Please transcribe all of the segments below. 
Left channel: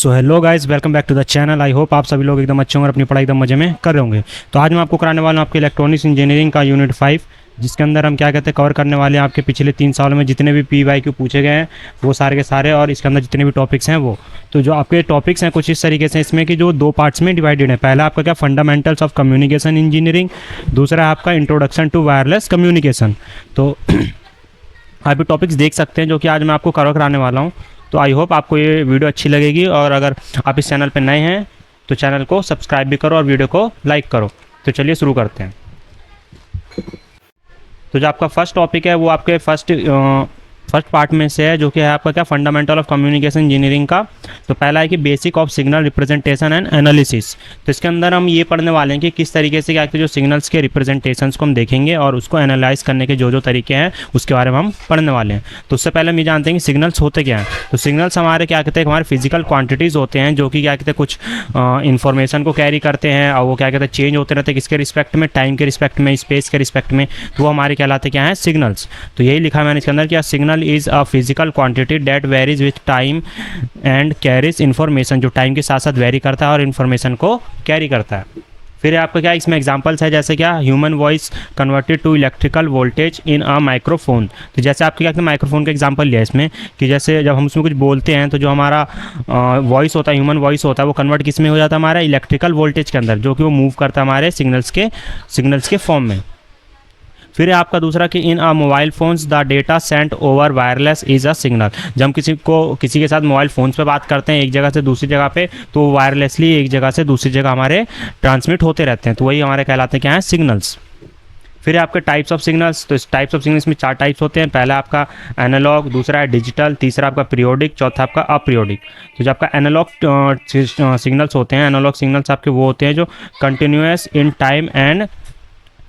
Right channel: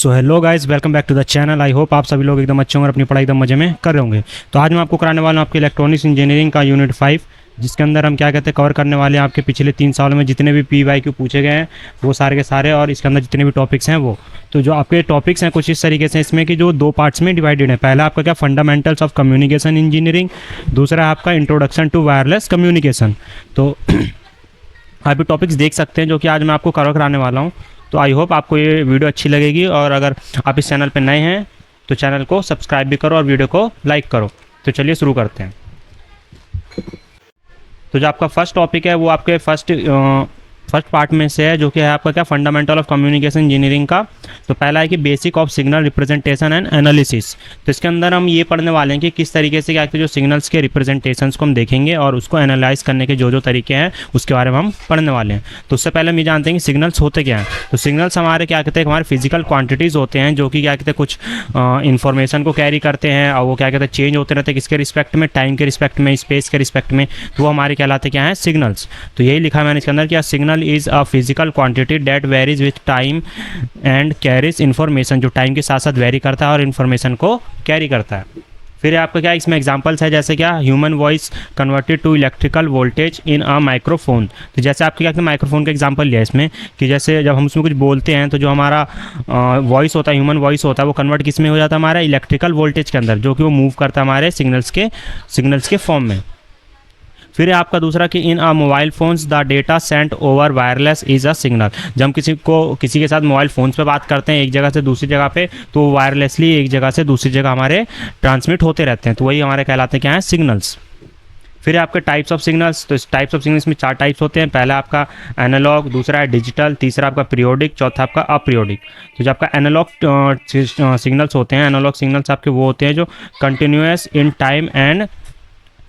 So hello guys, welcome back to the channel. I hope आप सभी लोग एकदम अच्छे होंगे और अपनी पढ़ाई एकदम मजे में कर रहे होंगे। तो आज मैं आपको कराने वाला हूँ आपके इलेक्ट्रॉनिक्स इंजीनियरिंग का यूनिट 5, जिसके अंदर हम क्या कहते हैं कवर करने वाले हैं आपके पिछले 3 सालों में जितने भी PYQ पूछे गए हैं वो सारे के सारे, और इसके अंदर जितने भी टॉपिक्स हैं वो। तो जो आपके टॉपिक्स हैं कुछ इस तरीके से इसमें कि जो 2 पार्ट्स में डिवाइडेड है। पहला आपका क्या फंडामेंटल्स ऑफ कम्युनिकेशन इंजीनियरिंग, दूसरा आपका इंट्रोडक्शन टू वायरलेस कम्युनिकेशन। तो आप ये टॉपिक्स देख सकते हैं जो कि आज मैं आपको कवर कराने वाला हूँ। तो आई होप आपको ये वीडियो अच्छी लगेगी, और अगर आप इस चैनल पर नए हैं तो चैनल को सब्सक्राइब भी करो और वीडियो को लाइक करो। तो चलिए शुरू करते हैं। तो जो आपका फर्स्ट टॉपिक है वो आपके फर्स्ट पार्ट में से है, जो कि है आपका क्या फंडामेंटल ऑफ कम्युनिकेशन इंजीनियरिंग का। तो पहला है कि basic of signal representation and analysis. तो इसके अंदर हम ये पढ़ने वाले हैं कि किस तरीके से क्या जो सिग्नल्स के रिप्रेजेंटेशंस को हम देखेंगे और उसको एनालाइज करने के जो तरीके हैं उसके बारे में हम पढ़ने वाले हैं। तो उससे पहले हम ये जानते हैं कि सिग्नल्स होते क्या हैं। तो सिग्नल्स हमारे क्या कहते हैं हमारे फिजिकल क्वांटिटीज़ होते हैं जो कि क्या कहते हैं कुछ इन्फॉर्मेशन को कैरी करते हैं, और वो क्या कहते हैं चेंज होते रहते हैं किसके रिस्पेक्ट में, टाइम के रिस्पेक्ट में, स्पेस के रिस्पेक्ट में। तो वो हमारे कहलाते क्या हैं सिग्नल्स। तो यही लिखा है मैंने इसके अंदर क्या signal is a physical quantity that varies with time and carries information, जो टाइम के साथ साथ वेरी करता है और इन्फॉर्मेशन को कैरी करता है। फिर आपका क्या इसमें एग्जांपल्स है, जैसे क्या human voice converted to electrical voltage in a microphone. तो जैसे आपके क्या माइक्रोफोन का एग्जांपल लिया इसमें कि जैसे जब हम उसमें कुछ बोलते हैं तो जो हमारा वॉइस होता है, ह्यूमन वॉइस होता है, वो कन्वर्ट किस में हो जाता है हमारा इलेक्ट्रिकल वोल्टेज के अंदर, जो कि वो मूव करता है हमारे सिग्नल्स के फॉर्म में। फिर आपका दूसरा कि in uh mobile phones the data sent over wireless is a signal. जब हम किसी के साथ मोबाइल फोन्स पे बात करते हैं एक जगह से दूसरी जगह पे, तो वायरलेसली एक जगह से दूसरी जगह हमारे ट्रांसमिट होते रहते हैं। तो वही हमारे कहलाते हैं क्या है सिग्नल्स। फिर आपके टाइप्स ऑफ सिग्नल्स। तो इस टाइप्स ऑफ सिग्नल्स में 4 टाइप्स होते हैं। पहला आपका एनालॉग, दूसरा है डिजिटल, तीसरा आपका पीरियोडिक, चौथा आपका अपीरियोडिक। तो जो आपका एनालॉग सिग्नल्स होते हैं, एनालॉग सिग्नल्स आपके वो होते हैं जो continuous in time and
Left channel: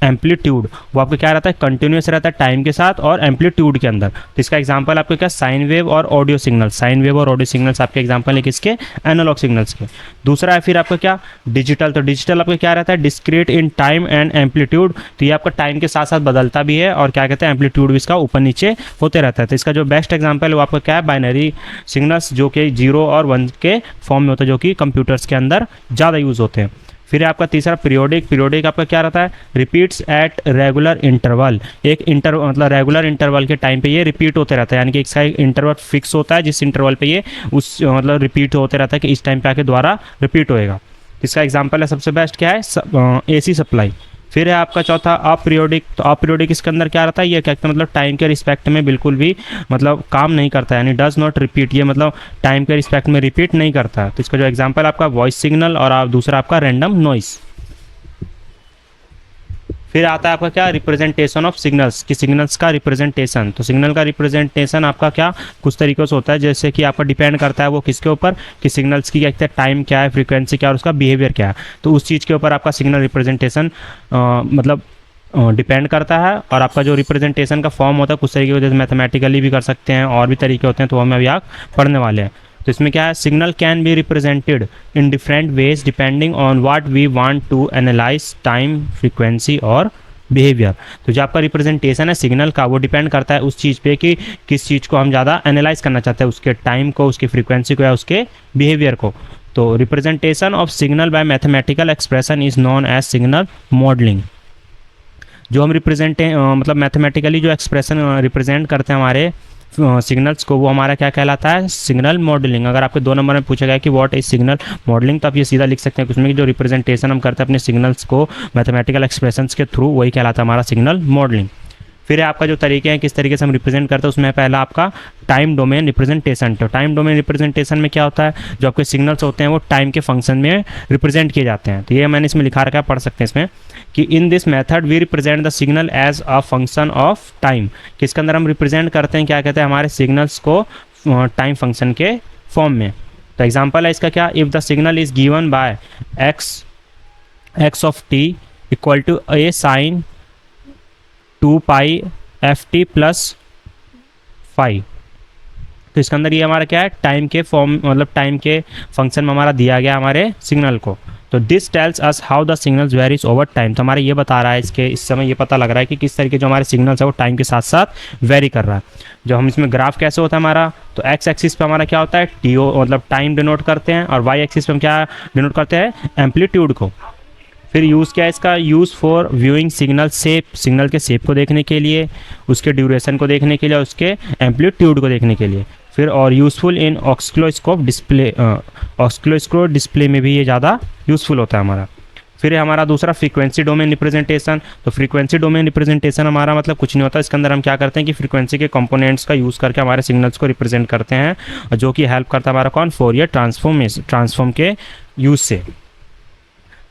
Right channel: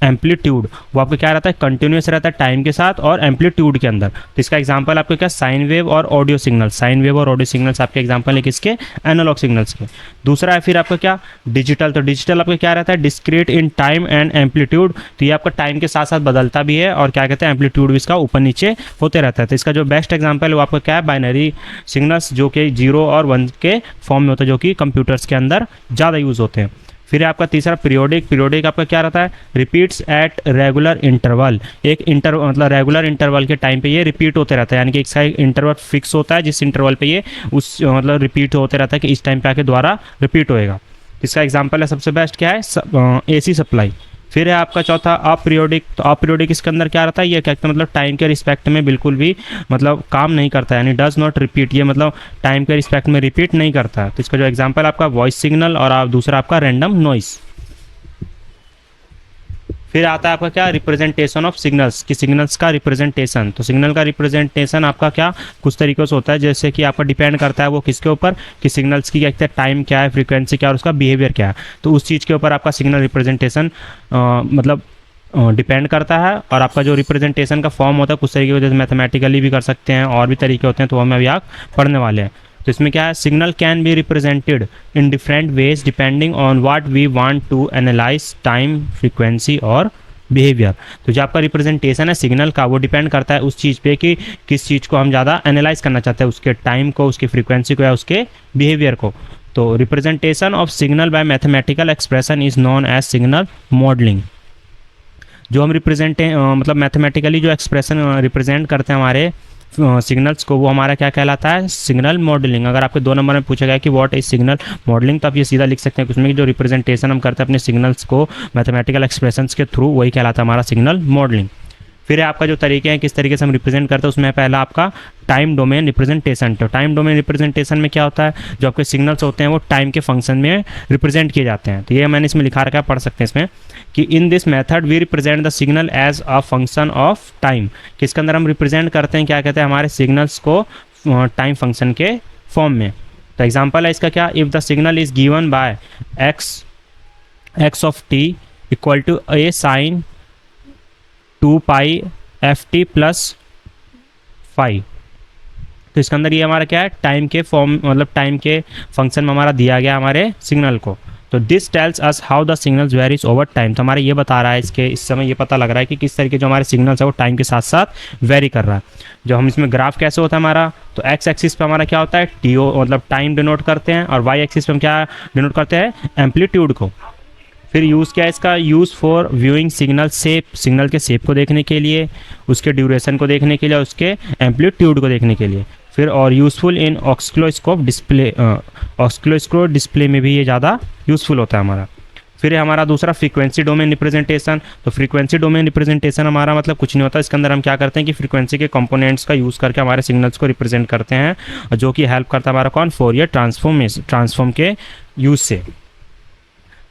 amplitude. वो आपका क्या रहता है कंटिन्यूस रहता है टाइम के साथ और एम्पलीट्यूड के अंदर। तो इसका एग्जांपल आपको क्या साइन वेव और ऑडियो सिग्नल्स। साइन वेव और ऑडियो सिग्नल्स आपके एग्जांपल है किसके एनालॉग सिग्नल्स के। दूसरा है फिर आपका क्या डिजिटल। तो डिजिटल आपका क्या रहता है discrete in time and amplitude. तो ये आपका टाइम के साथ साथ बदलता भी है और क्या कहते हैं एम्पलीट्यूड भी इसका ऊपर नीचे होते रहता है। तो इसका जो बेस्ट एग्जाम्पल है वो आपका क्या है बाइनरी सिग्नल्स, जो कि 0 और 1 के फॉर्म में होता है, जो कि कंप्यूटर्स के अंदर ज़्यादा यूज़ होते हैं। फिर आपका तीसरा पीरियोडिक। पीरियोडिक आपका क्या रहता है रिपीट्स एट रेगुलर इंटरवल। एक मतलब रेगुलर इंटरवल के टाइम पे ये रिपीट होते रहता है, यानी कि एक इंटरवल फिक्स होता है जिस इंटरवल पे ये उस मतलब रिपीट होते रहता है कि इस टाइम पे आके दोबारा रिपीट होएगा। इसका एग्जांपल है सबसे बेस्ट क्या है AC सप्लाई। फिर है आपका चौथा अपीरियोडिक। तो अपीरियोडिक इसके अंदर क्या रहता है ये क्या मतलब टाइम के रिस्पेक्ट में बिल्कुल भी मतलब काम नहीं करता है, यानी डज नॉट रिपीट। ये मतलब टाइम के रिस्पेक्ट में रिपीट नहीं करता। तो इसका जो एग्जांपल आपका वॉइस सिग्नल और दूसरा आपका रैंडम नॉइस। फिर आता है आपका क्या रिप्रेजेंटेशन ऑफ सिग्नल्स, कि सिग्नल्स का रिप्रेजेंटेशन। तो सिग्नल का रिप्रेजेंटेशन आपका क्या कुछ तरीकों से होता है, जैसे कि आपका डिपेंड करता है वो किसके ऊपर कि सिग्नल्स की क्या टाइम क्या है, फ्रीक्वेंसी क्या है और उसका बिहेवियर क्या है। तो उस चीज़ के ऊपर आपका सिग्नल रिप्रेजेंटेशन मतलब डिपेंड करता है। और आपका जो रिप्रेजेंटेशन का फॉर्म होता है कुछ तरीके जैसे मैथमेटिकली भी कर सकते हैं और भी तरीके होते हैं, तो हमें अभी आप पढ़ने वाले हैं। तो इसमें क्या है signal can be represented in different ways depending on what we want to analyse time, frequency और बिहेवियर। तो जो आपका रिप्रेजेंटेशन है सिग्नल का वो डिपेंड करता है उस चीज़ पे कि किस चीज़ को हम ज़्यादा एनालाइज करना चाहते हैं, उसके टाइम को, उसकी फ्रीक्वेंसी को या उसके बिहेवियर को। तो representation of signal by mathematical expression is known as signal modelling. जो हम मतलब मैथमेटिकली जो एक्सप्रेशन रिप्रेजेंट करते हैं हमारे सिग्नल्स को, वो हमारा क्या कहलाता है सिग्नल मॉडलिंग। अगर आपके 2 नंबर में पूछा गया कि व्हाट इज सिग्नल मॉडलिंग, तो आप ये सीधा लिख सकते हैं उसमें कि जो रिप्रेजेंटेशन हम करते हैं अपने सिग्नल्स को मैथमेटिकल एक्सप्रेशंस के थ्रू, वही कहलाता है हमारा सिग्नल मॉडलिंग। फिर आपका जो तरीके हैं किस तरीके से हम रिप्रेजेंट करते हैं, उसमें पहला आपका टाइम डोमेन रिप्रेजेंटेशन। तो टाइम डोमेन रिप्रेजेंटेशन में क्या होता है जो आपके सिग्नल्स होते हैं वो टाइम के फंक्शन में रिप्रेजेंट किए जाते हैं। तो ये मैंने इसमें लिखा रखा है, पढ़ सकते हैं इसमें कि in this method we represent the signal as a function of time. कि इसके अंदर हम रिप्रेजेंट करते हैं क्या कहते हैं हमारे सिग्नल्स को टाइम फंक्शन के फॉर्म में। तो एग्जांपल है इसका क्या if the signal is given by x of t equal to a sine 2 pi ft plus 5। तो इसके अंदर ये हमारा क्या है टाइम के फॉर्म मतलब टाइम के फंक्शन में हमारा दिया गया हमारे सिग्नल को। तो this tells us how the signals varies over time, तो हमारे ये बता रहा है इसके इस समय ये पता लग रहा है कि किस तरीके जो हमारे सिग्नल्स है वो टाइम के साथ साथ वेरी कर रहा है। जो हम इसमें ग्राफ कैसे होता है हमारा, तो एक्स एक्सिस पे हमारा क्या होता है टीओ मतलब टाइम डिनोट करते हैं, और वाई एक्सिस पे हम क्या डिनोट करते हैं एम्पलीट्यूड को। फिर यूज़ क्या है इसका, use for viewing signal shape, signal के शेप को देखने के लिए, उसके ड्यूरेशन को देखने के लिए, उसके एम्पलीट्यूड को देखने के लिए। फिर और यूज़फुल इन ऑक्सीलोस्कोप डिस्प्ले, ऑक्सीलोस्कोप डिस्प्ले में भी ये ज़्यादा यूज़फुल होता है हमारा। फिर हमारा दूसरा फ्रीक्वेंसी डोमेन रिप्रेजेंटेशन, तो फ्रीक्वेंसी डोमेन रिप्रेजेंटेशन हमारा मतलब कुछ नहीं होता, इसके अंदर हम क्या करते हैं कि फ्रीक्वेंसी के कंपोनेंट्स का यूज़ करके हमारे सिग्नल्स को रिप्रेजेंट करते हैं, जो कि हेल्प करता है हमारा कौन, फोरियर ट्रांसफॉर्म के यूज से।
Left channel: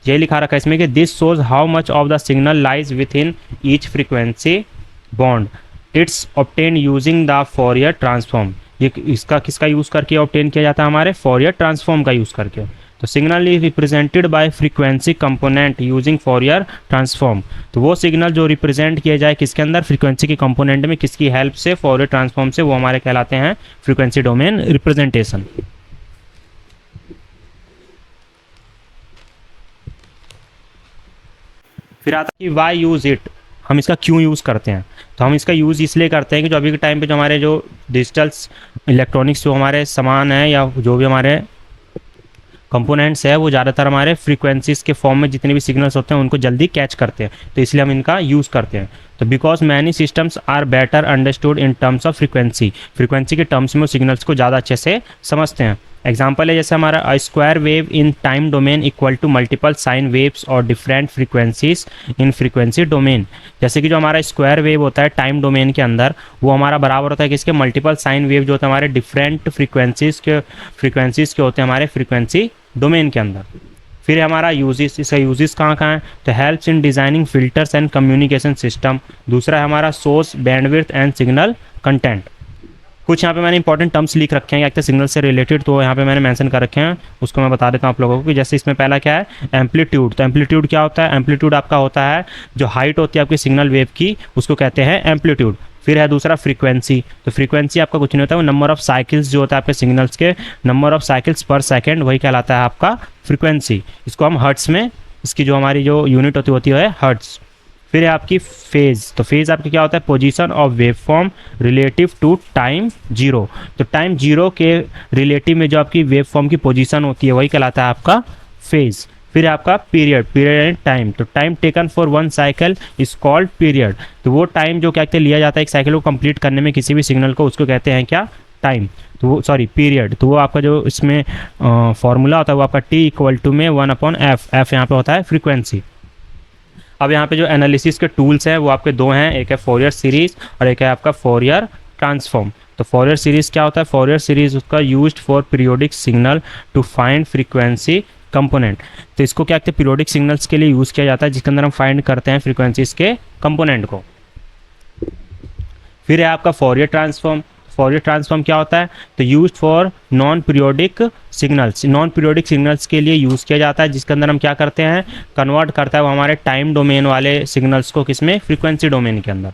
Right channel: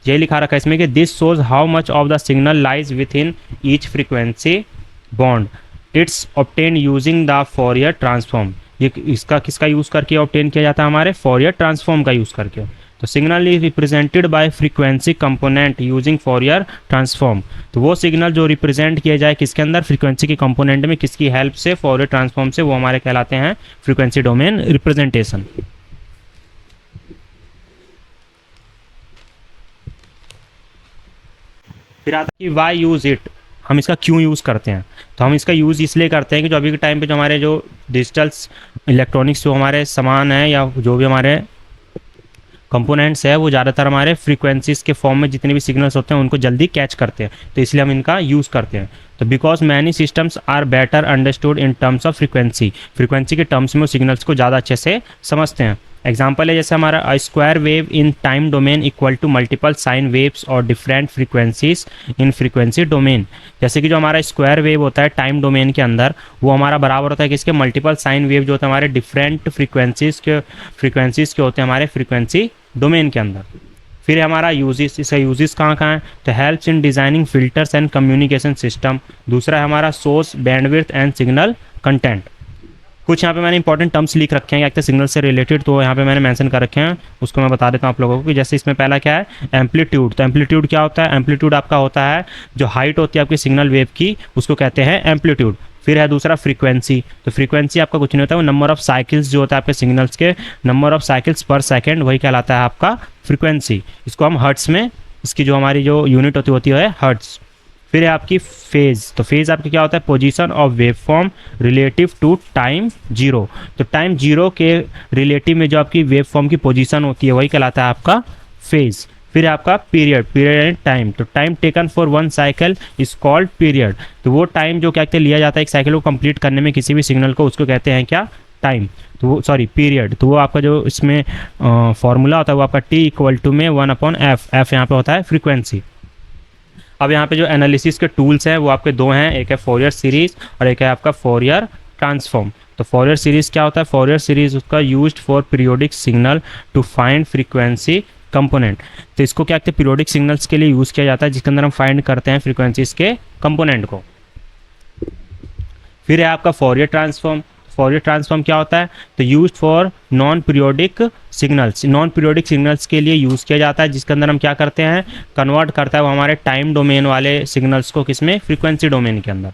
ये लिखा रखा है इसमें कि this shows how much of the signal lies with in each frequency bond, it's obtain using the Fourier transform. ये इसका किसका यूज़ करके ऑब्टेन किया जाता है, हमारे फोरियर ट्रांसफॉर्म का यूज़ करके। तो signal is represented by frequency component using Fourier transform, तो वो सिग्नल जो रिप्रेजेंट किया जाए किसके अंदर, फ्रीक्वेंसी के कंपोनेंट में, किसकी हेल्प से, फोरियर ट्रांसफॉर्म से, वो हमारे कहलाते हैं फ्रीक्वेंसी डोमेन रिप्रेजेंटेशन। फिर आता है कि वाई यूज़ इट, हम इसका क्यों यूज़ करते हैं। तो हम इसका यूज़ इसलिए करते हैं कि जो अभी के टाइम पे जो हमारे जो डिजिटल इलेक्ट्रॉनिक्स जो हमारे सामान है या जो भी हमारे कंपोनेंट्स है वो ज़्यादातर हमारे फ्रीक्वेंसीज के फॉर्म में जितने भी सिग्नल्स होते हैं उनको जल्दी कैच करते हैं, तो इसलिए हम इनका यूज़ करते हैं। तो because many systems are better understood in terms of frequency, frequency के टर्म्स में सिग्नल्स को ज़्यादा अच्छे से समझते हैं। एग्जाम्पल है जैसे हमारा square wave in time domain equal to multiple sine waves और different frequencies in frequency domain. जैसे कि जो हमारा स्क्वायर वेव होता है टाइम डोमेन के अंदर वो हमारा बराबर होता है किसके, मल्टीपल साइन वेव जो होता है हमारे डिफरेंट फ्रीक्वेंसीज के होते हैं हमारे फ्रीक्वेंसी डोमेन के अंदर। फिर हमारा यूजेस, इसका यूजेस कहाँ कहाँ है, तो helps in designing filters and communication system. दूसरा है हमारा source bandwidth and signal content. कुछ यहाँ पे मैंने इंपॉर्टेंट टर्म्स लिख रखे हैं एक तो सिग्नल से रिलेटेड, तो यहाँ पे मैंने मेंशन कर रखे हैं, उसको मैं बता देता हूँ आप लोगों को कि जैसे इसमें पहला क्या है एम्पलीट्यूड। तो एम्पलीट्यूड क्या होता है, एम्पलीट्यूड आपका होता है जो हाइट होती है आपकी सिग्नल वेव की, उसको कहते हैं एम्पलीट्यूड। फिर है दूसरा फ्रीक्वेंसी, तो फ्रीक्वेंसी आपका कुछ नहीं होता, वो नंबर ऑफ साइकिल्स जो होता है आपके सिग्नल्स के, नंबर ऑफ साइकिल्स पर सेकेंड, वही कहलाता है आपका फ्रीक्वेंसी। इसको हम हर्ट्स में, इसकी जो हमारी जो यूनिट होती है हर्ट्स। फिर है आपकी फेज, तो फेज आपका क्या होता है, position of wave form relative to time zero. तो टाइम जीरो के रिलेटिव में जो आपकी वेव फॉर्म की पोजीशन होती है वही कहलाता है आपका फेज। फिर आपका पीरियड, पीरियड एंड टाइम, तो time taken for one cycle is called period. तो वो टाइम जो क्या कहते हैं लिया जाता है एक साइकिल को कंप्लीट करने में किसी भी सिग्नल को, उसको कहते हैं क्या, टाइम। तो वो सॉरी पीरियड, तो वो आपका जो इसमें फॉर्मूला होता है वो आपका टी इक्वल टू में 1/f, एफ यहाँ पे होता है फ्रीक्वेंसी। अब यहाँ पे जो एनालिसिस के टूल्स हैं वो आपके दो हैं, एक है फोरियर सीरीज और एक है आपका फोरियर ट्रांसफॉर्म। तो फोरियर सीरीज क्या होता है, फोरियर सीरीज उसका used for periodic signal to find frequency component. तो इसको क्या कहते हैं, पीरियोडिक सिग्नल्स के लिए यूज़ किया जाता है जिसके अंदर हम फाइंड करते हैं फ्रीक्वेंसीज के कंपोनेंट को। फिर है आपका फोरियर ट्रांसफॉर्म। फोरियर ट्रांसफॉर्म क्या होता है, तो used for non periodic signals, non periodic signals के लिए यूज़ किया जाता है जिसके अंदर हम क्या करते हैं, कन्वर्ट करता है वो हमारे टाइम डोमेन वाले सिग्नल्स को किसमें, फ्रीक्वेंसी डोमेन के अंदर।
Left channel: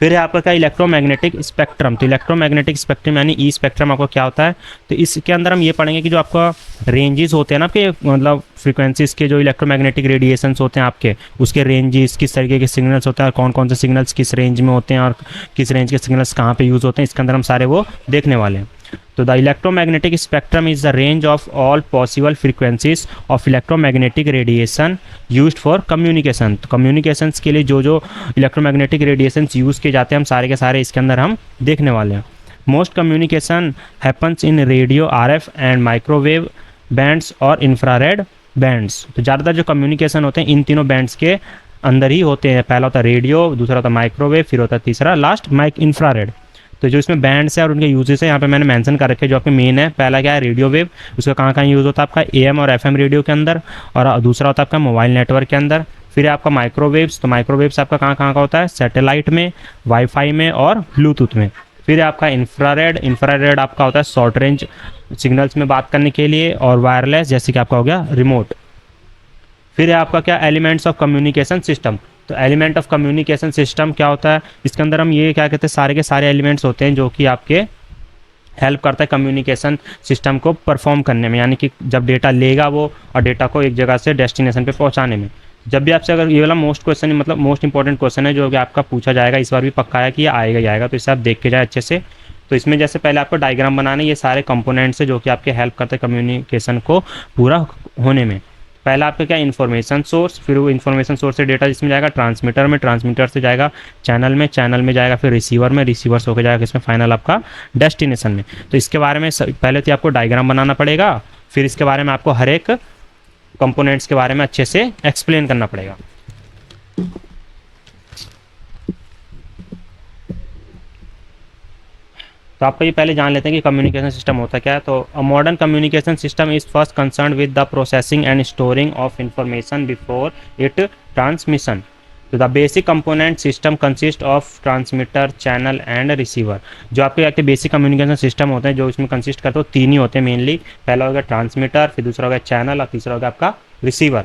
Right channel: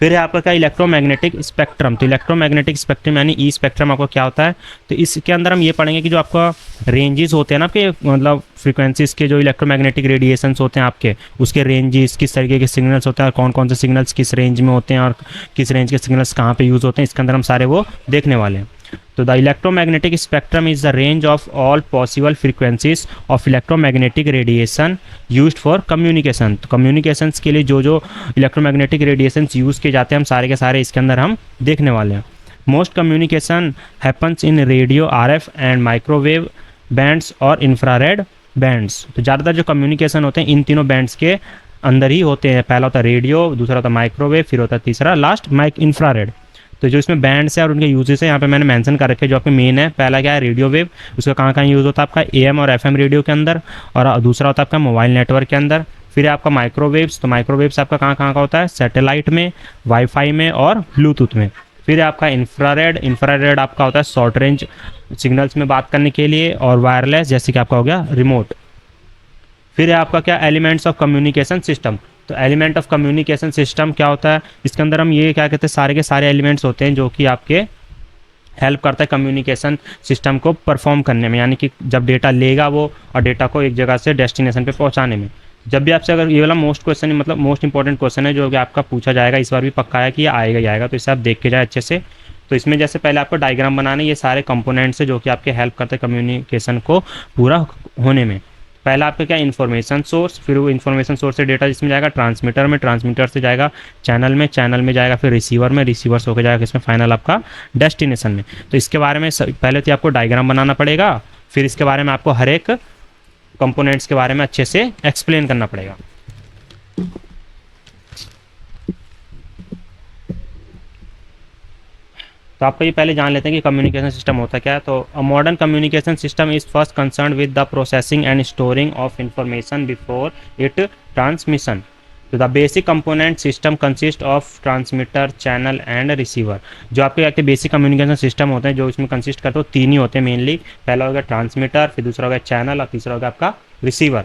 फिर है आपका क्या, इलेक्ट्रोमैग्नेटिक स्पेक्ट्रम। तो इलेक्ट्रोमैग्नेटिक स्पेक्ट्रम यानी ई स्पेक्ट्रम आपको क्या होता है, तो इसके अंदर हम ये पढ़ेंगे कि जो आपका रेंजेस होते हैं ना आपके मतलब फ्रीक्वेंसीज के जो इलेक्ट्रोमैग्नेटिक रेडिएशंस होते हैं आपके, उसके रेंजेस किस तरीके के सिग्नल्स होते हैं और कौन कौन से सिग्नल्स किस रेंज में होते हैं और किस रेंज के सिग्नल्स कहाँ पे यूज़ होते हैं, इसके अंदर हम सारे वो देखने वाले हैं। तो the electromagnetic spectrum is the range of all possible frequencies of electromagnetic radiation used for communication. तो कम्युनिकेशंस के लिए जो जो इलेक्ट्रोमैग्नेटिक रेडिएशंस यूज़ किए जाते हैं हम सारे के सारे इसके अंदर हम देखने वाले हैं। Most communication happens in radio, RF and microwave bands और इंफ्रारेड बैंड्स। तो ज़्यादातर जो कम्युनिकेशन होते हैं इन तीनों बैंड्स के अंदर ही होते हैं। पहला होता है रेडियो, दूसरा होता है माइक्रोवेव, फिर होता है तीसरा लास्ट इंफ्रारेड। तो जो इसमें बैंड्स है और उनके यूजेस है यहाँ पे मैंने मेंशन कर रखे हैं। जो आपके मेन है, पहला क्या है रेडियो वेव, उसका कहाँ कहाँ यूज़ होता है आपका AM और FM रेडियो के अंदर, और दूसरा होता है आपका मोबाइल नेटवर्क के अंदर। फिर आपका माइक्रोवेव्स, तो माइक्रोवेव्स आपका कहाँ कहाँ का होता है, सैटेलाइट में, वाईफाई में और ब्लूटूथ में। फिर आपका इंफ्रारेड, इंफ्रारेड आपका होता है शॉर्ट रेंज सिग्नल्स में बात करने के लिए और वायरलेस, जैसे कि आपका हो गया रिमोट। फिर है आपका क्या, एलिमेंट्स ऑफ कम्युनिकेशन सिस्टम। तो एलिमेंट ऑफ कम्युनिकेशन सिस्टम क्या होता है, इसके अंदर हम ये क्या कहते हैं, सारे के सारे एलिमेंट्स होते हैं जो कि आपके हेल्प करता है कम्युनिकेशन सिस्टम को परफॉर्म करने में, यानी कि जब डेटा लेगा वो और डेटा को एक जगह से डेस्टिनेशन पे पहुंचाने में। जब भी आपसे अगर ये वाला मोस्ट क्वेश्चन है, मतलब मोस्ट इंपॉर्टेंट क्वेश्चन है जो कि आपका पूछा जाएगा, इस बार भी पक्का है कि ये आएगा ही आएगा, तो इसे आप देख के जाए अच्छे से। तो इसमें जैसे पहले आपको डायग्राम बनाना है, ये सारे कंपोनेंट्स है जो कि आपके हेल्प करते हैं कम्युनिकेशन को पूरा होने में। पहला आपका क्या इन्फॉर्मेशन सोर्स, फिर वो इन्फॉर्मेशन सोर्स से डेटा जिसमें जाएगा ट्रांसमीटर में, ट्रांसमीटर से जाएगा चैनल में, चैनल में जाएगा फिर रिसीवर में, रिसीवर से होकर जाएगा इसमें फाइनल आपका डेस्टिनेशन में। तो इसके बारे में पहले तो आपको डायग्राम बनाना पड़ेगा, फिर इसके बारे में आपको हर एक कंपोनेंट्स के बारे में अच्छे से एक्सप्लेन करना पड़ेगा। तो आपको ये पहले जान लेते हैं कि कम्युनिकेशन सिस्टम होता क्या है। तो uh modern communication system is first concern with the processing and storing of information before it transmission. तो the basic component system consist of transmitter, channel and receiver. जो आपके बेसिक कम्युनिकेशन सिस्टम होते हैं जो इसमें कंसिस्ट करते हैं, तीन ही होते हैं मेनली। पहला होगा ट्रांसमीटर, फिर दूसरा होगा चैनल और तीसरा होगा आपका receiver.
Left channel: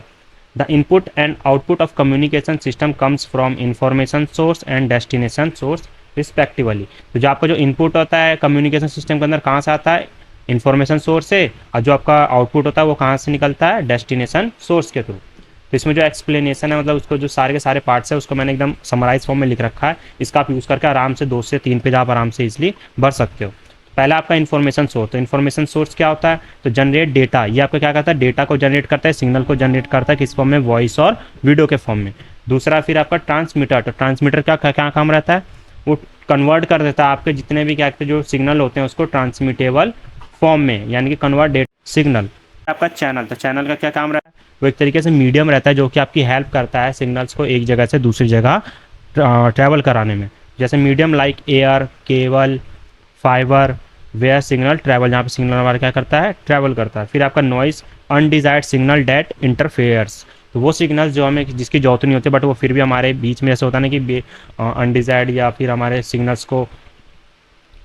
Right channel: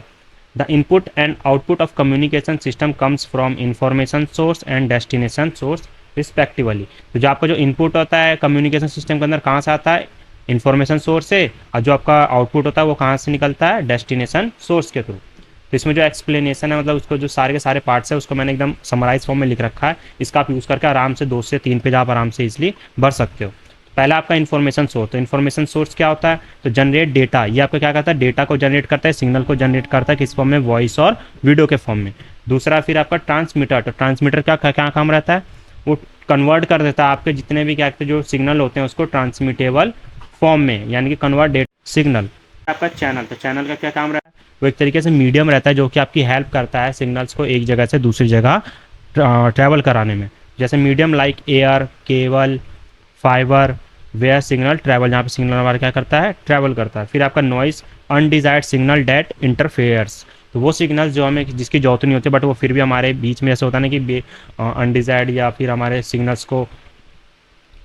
The input and output of communication system comes from information source and destination source respectively. तो जो आपका जो इनपुट होता है कम्युनिकेशन सिस्टम के अंदर कहाँ से आता है, इन्फॉर्मेशन सोर्स से, और जो आपका आउटपुट होता है वो कहाँ से निकलता है, डेस्टिनेशन सोर्स के थ्रू। तो इसमें जो एक्सप्लेनेशन है, मतलब उसको जो सारे के सारे पार्ट्स है उसको मैंने एकदम समराइज फॉर्म में लिख रखा है। इसका आप यूज़ करके आराम से 2 से 3 पेज आप आराम से इजिली भर सकते हो। पहला आपका इन्फॉर्मेशन सोर्स। तो इन्फॉर्मेशन सोर्स क्या होता है, तो जनरेट डेटा। ये आपका क्या करता है, डेटा को जनरेट करता है, सिग्नल को जनरेट करता है किस फॉर्म में, वॉइस और वीडियो के फॉर्म में। दूसरा फिर आपका ट्रांसमीटर। तो ट्रांसमीटर का क्या काम रहता है, वो कन्वर्ट कर देता है आपके जितने भी क्या जो सिग्नल होते हैं उसको ट्रांसमिटेबल फॉर्म में, यानी कि कन्वर्ट डेटा सिग्नल। आपका चैनल। तो चैनल का क्या काम रहता है, वो एक तरीके से मीडियम रहता है जो कि आपकी हेल्प करता है सिग्नल्स को एक जगह से दूसरी जगह ट्रैवल कराने में। जैसे medium like air, cable, fibre, where signal travel, जहाँ पे सिग्नल हमारा क्या करता है, ट्रैवल करता है। फिर आपका noise, undesired signal that interferes. तो वो सिग्नल्स जो हमें जिसकी जरूरत नहीं होती बट वो फिर भी हमारे बीच में ऐसा होता है ना कि अनडिजायर्ड या फिर हमारे सिग्नल्स को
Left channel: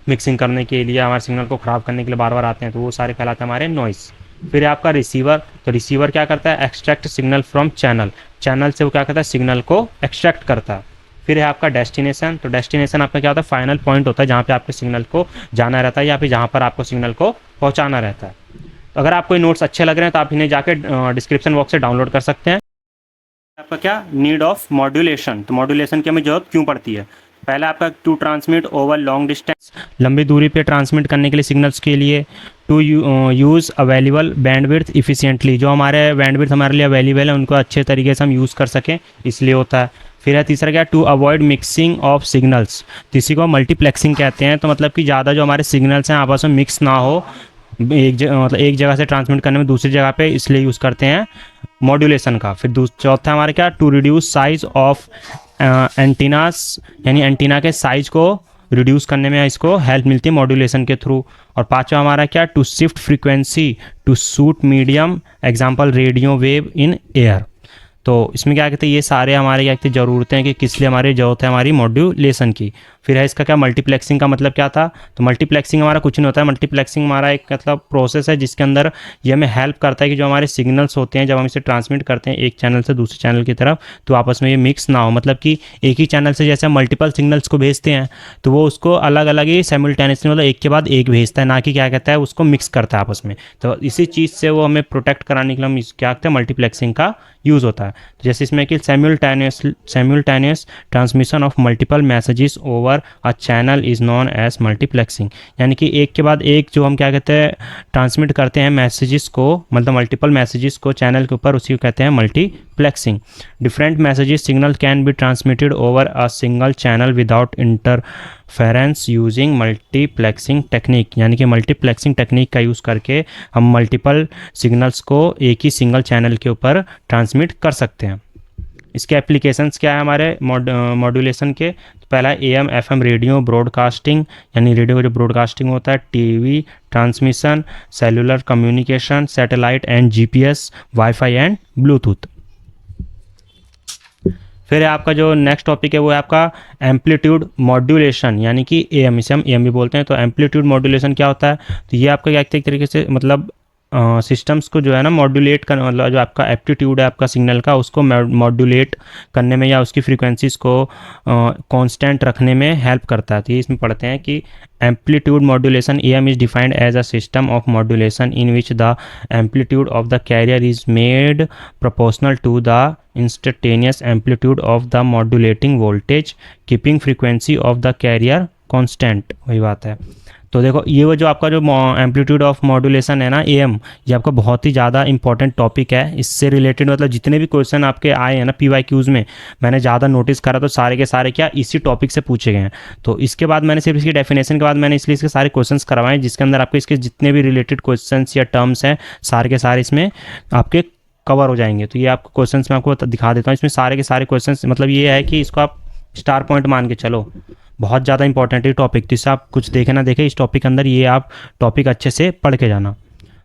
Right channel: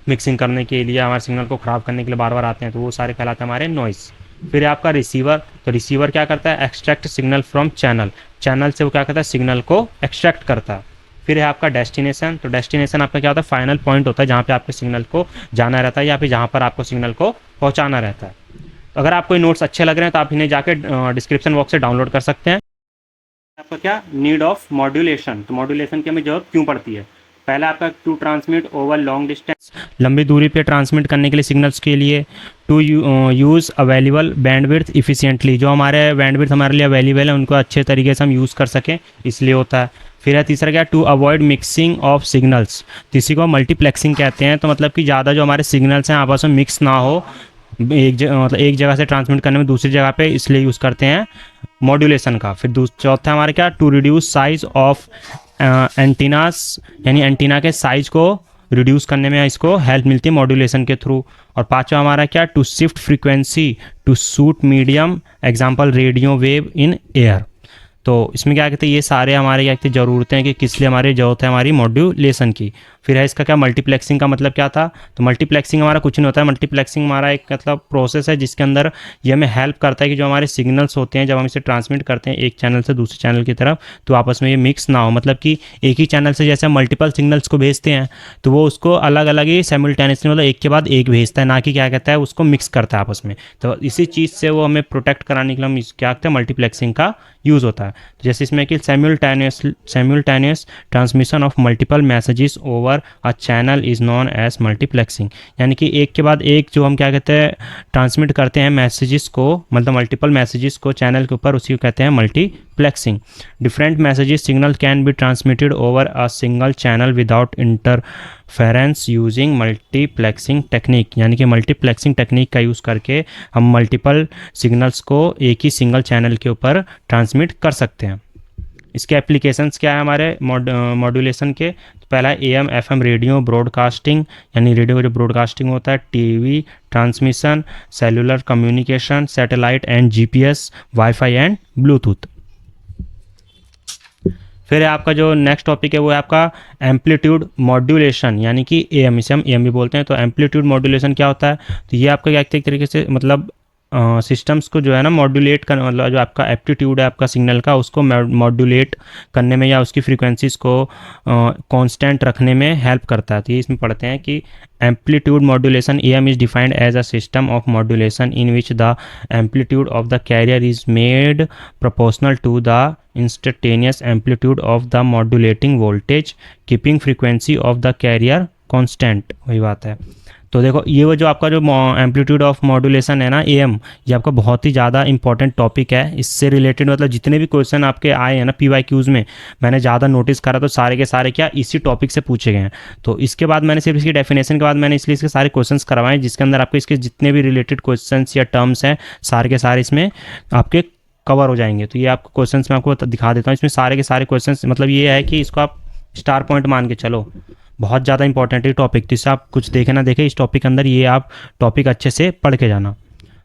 मिक्सिंग करने के लिए, हमारे सिग्नल को ख़राब करने के लिए बार बार आते हैं, तो वो सारे कहलाते हैं हमारे नॉइस। फिर आपका रिसीवर। तो रिसीवर क्या करता है, extract signal from channel. Channel से वो क्या करता है, सिग्नल को एक्सट्रैक्ट करता है। फिर है आपका डेस्टिनेशन। तो डेस्टिनेशन आपका क्या होता है, फाइनल पॉइंट होता है जहाँ पे आपके सिग्नल को जाना रहता है या फिर जहाँ पर आपको सिग्नल को पहुँचाना रहता है। तो अगर आपको नोट्स अच्छे लग रहे हैं तो आप इन्हें जाके डिस्क्रिप्शन बॉक्स से डाउनलोड कर सकते हैं। आपका क्या नीड ऑफ मॉड्यूलेशन। तो मॉड्यूलेशन की हमें जरूरत क्यों पड़ती है, पहला आपका to transmit over long distance, लंबी दूरी पे ट्रांसमिट करने के लिए सिग्नल्स के लिए। To use available bandwidth efficiently, जो हमारे बैंडविड्थ हमारे लिए अवेलेबल है उनको अच्छे तरीके से हम यूज़ कर सकें इसलिए होता है। फिर है तीसरा क्या, to avoid mixing of signals. इसी को मल्टीप्लेक्सिंग कहते हैं। तो मतलब कि ज़्यादा जो हमारे सिग्नल्स हैं आपस में मिक्स ना हो, मतलब एक जगह से ट्रांसमिट करने में दूसरी जगह पे, इसलिए यूज़ करते हैं मॉड्यूलेशन का। फिर चौथा हमारे क्या, to reduce size of antennas, यानी एंटीना के साइज को रिड्यूस करने में इसको हेल्प मिलती है मॉड्यूलेशन के थ्रू। और पांचवा हमारा क्या, to shift frequency to suit medium, example radio wave in air. तो इसमें क्या कहते हैं, ये सारे हमारे क्या कहते हैं ज़रूरतें हैं कि किस लिए हमारी ज़रूरत है हमारी मॉड्यूलेशन की। फिर है इसका क्या, मल्टीप्लेक्सिंग का मतलब क्या था। तो मल्टीप्लेक्सिंग हमारा कुछ नहीं होता है, मल्टीप्लेक्सिंग हमारा एक मतलब प्रोसेस है जिसके अंदर ये हमें हेल्प करता है कि जो हमारे सिग्नल्स होते हैं जब हम इसे ट्रांसमिट करते हैं एक चैनल से दूसरे चैनल की तरफ, तो आपस में ये मिक्स ना हो। मतलब कि एक ही चैनल से जैसे हम मल्टीपल सिग्नल्स को भेजते हैं तो वो उसको अलग अलग ही साइमल्टेनियसली, मतलब एक के बाद एक भेजता है, ना कि क्या कहता है उसको मिक्स करता है आपस में। तो इसी चीज़ से वो हमें प्रोटेक्ट कराने के लिए हम क्या कहते हैं, मल्टीप्लेक्सिंग का यूज़ होता है। जैसे इसमें कि simultaneous transmission of multiple messages over a channel is known as multiplexing, यानी कि एक के बाद एक जो हम क्या कहते हैं ट्रांसमिट करते हैं मैसेजेस को, मतलब मल्टीपल मैसेजेस को चैनल के ऊपर, उसी को कहते हैं multiplexing. Different messages signal can be transmitted over a single channel without interference using multiplexing technique, यानी कि मल्टीप्लेक्सिंग टेक्निक का यूज़ करके हम मल्टीपल सिग्नल्स को एक ही सिंगल चैनल के ऊपर ट्रांसमिट कर सकते हैं। इसके एप्लीकेशंस क्या है हमारे मॉड्यूलेशन के, तो पहला एएम एफएम रेडियो ब्रॉडकास्टिंग, यानी रेडियो का जो ब्रॉडकास्टिंग होता है, TV transmission, cellular communication, satellite and GPS, wifi and Bluetooth. फिर आपका जो नेक्स्ट टॉपिक है वो है आपका एम्पलीट्यूड मॉड्यूलेशन, यानी कि एएम, इसे हम एएम भी बोलते हैं। तो एम्पलीट्यूड मॉड्यूलेशन क्या होता है, तो ये आपका क्या एक तरीके से मतलब सिस्टम्स को जो है ना मॉड्यूलेट करने, मतलब जो आपका एप्टीट्यूड है आपका सिग्नल का, उसको मॉड्यूलेट करने में या उसकी फ्रीक्वेंसीज को कांस्टेंट रखने में हेल्प करता है। तो ये इसमें पढ़ते हैं कि amplitude modulation AM is defined as a system of modulation in which the amplitude of the carrier is made proportional to the instantaneous amplitude of the modulating voltage keeping frequency of the carrier constant. वही बात है। तो देखो ये वो जो आपका जो एम्पलीट्यूड ऑफ मॉड्यूलेशन है ना AM, ये आपका बहुत ही ज़्यादा इंपॉर्टेंट टॉपिक है। इससे रिलेटेड मतलब जितने भी क्वेश्चन आपके आए हैं ना PYQs में, मैंने ज़्यादा नोटिस करा तो सारे के सारे क्या इसी टॉपिक से पूछे गए हैं। तो इसके बाद मैंने सिर्फ इसकी डेफिनेशन के बाद मैंने इसलिए इसके सारे क्वेश्चन करवाए, जिसके अंदर आपके इसके जितने भी रिलेटेड क्वेश्चन या टर्म्स हैं सारे के सारे इसमें आपके कवर हो जाएंगे। तो ये आपको क्वेश्चन मैं आपको दिखा देता हूँ। इसमें सारे के सारे क्वेश्चन, मतलब ये है कि इसको आप स्टार पॉइंट मान के चलो, बहुत ज़्यादा इंपॉर्टेंट है टॉपिक। तो इससे आप कुछ देखे ना देखे, इस टॉपिक के अंदर ये आप टॉपिक अच्छे से पढ़ के जाना।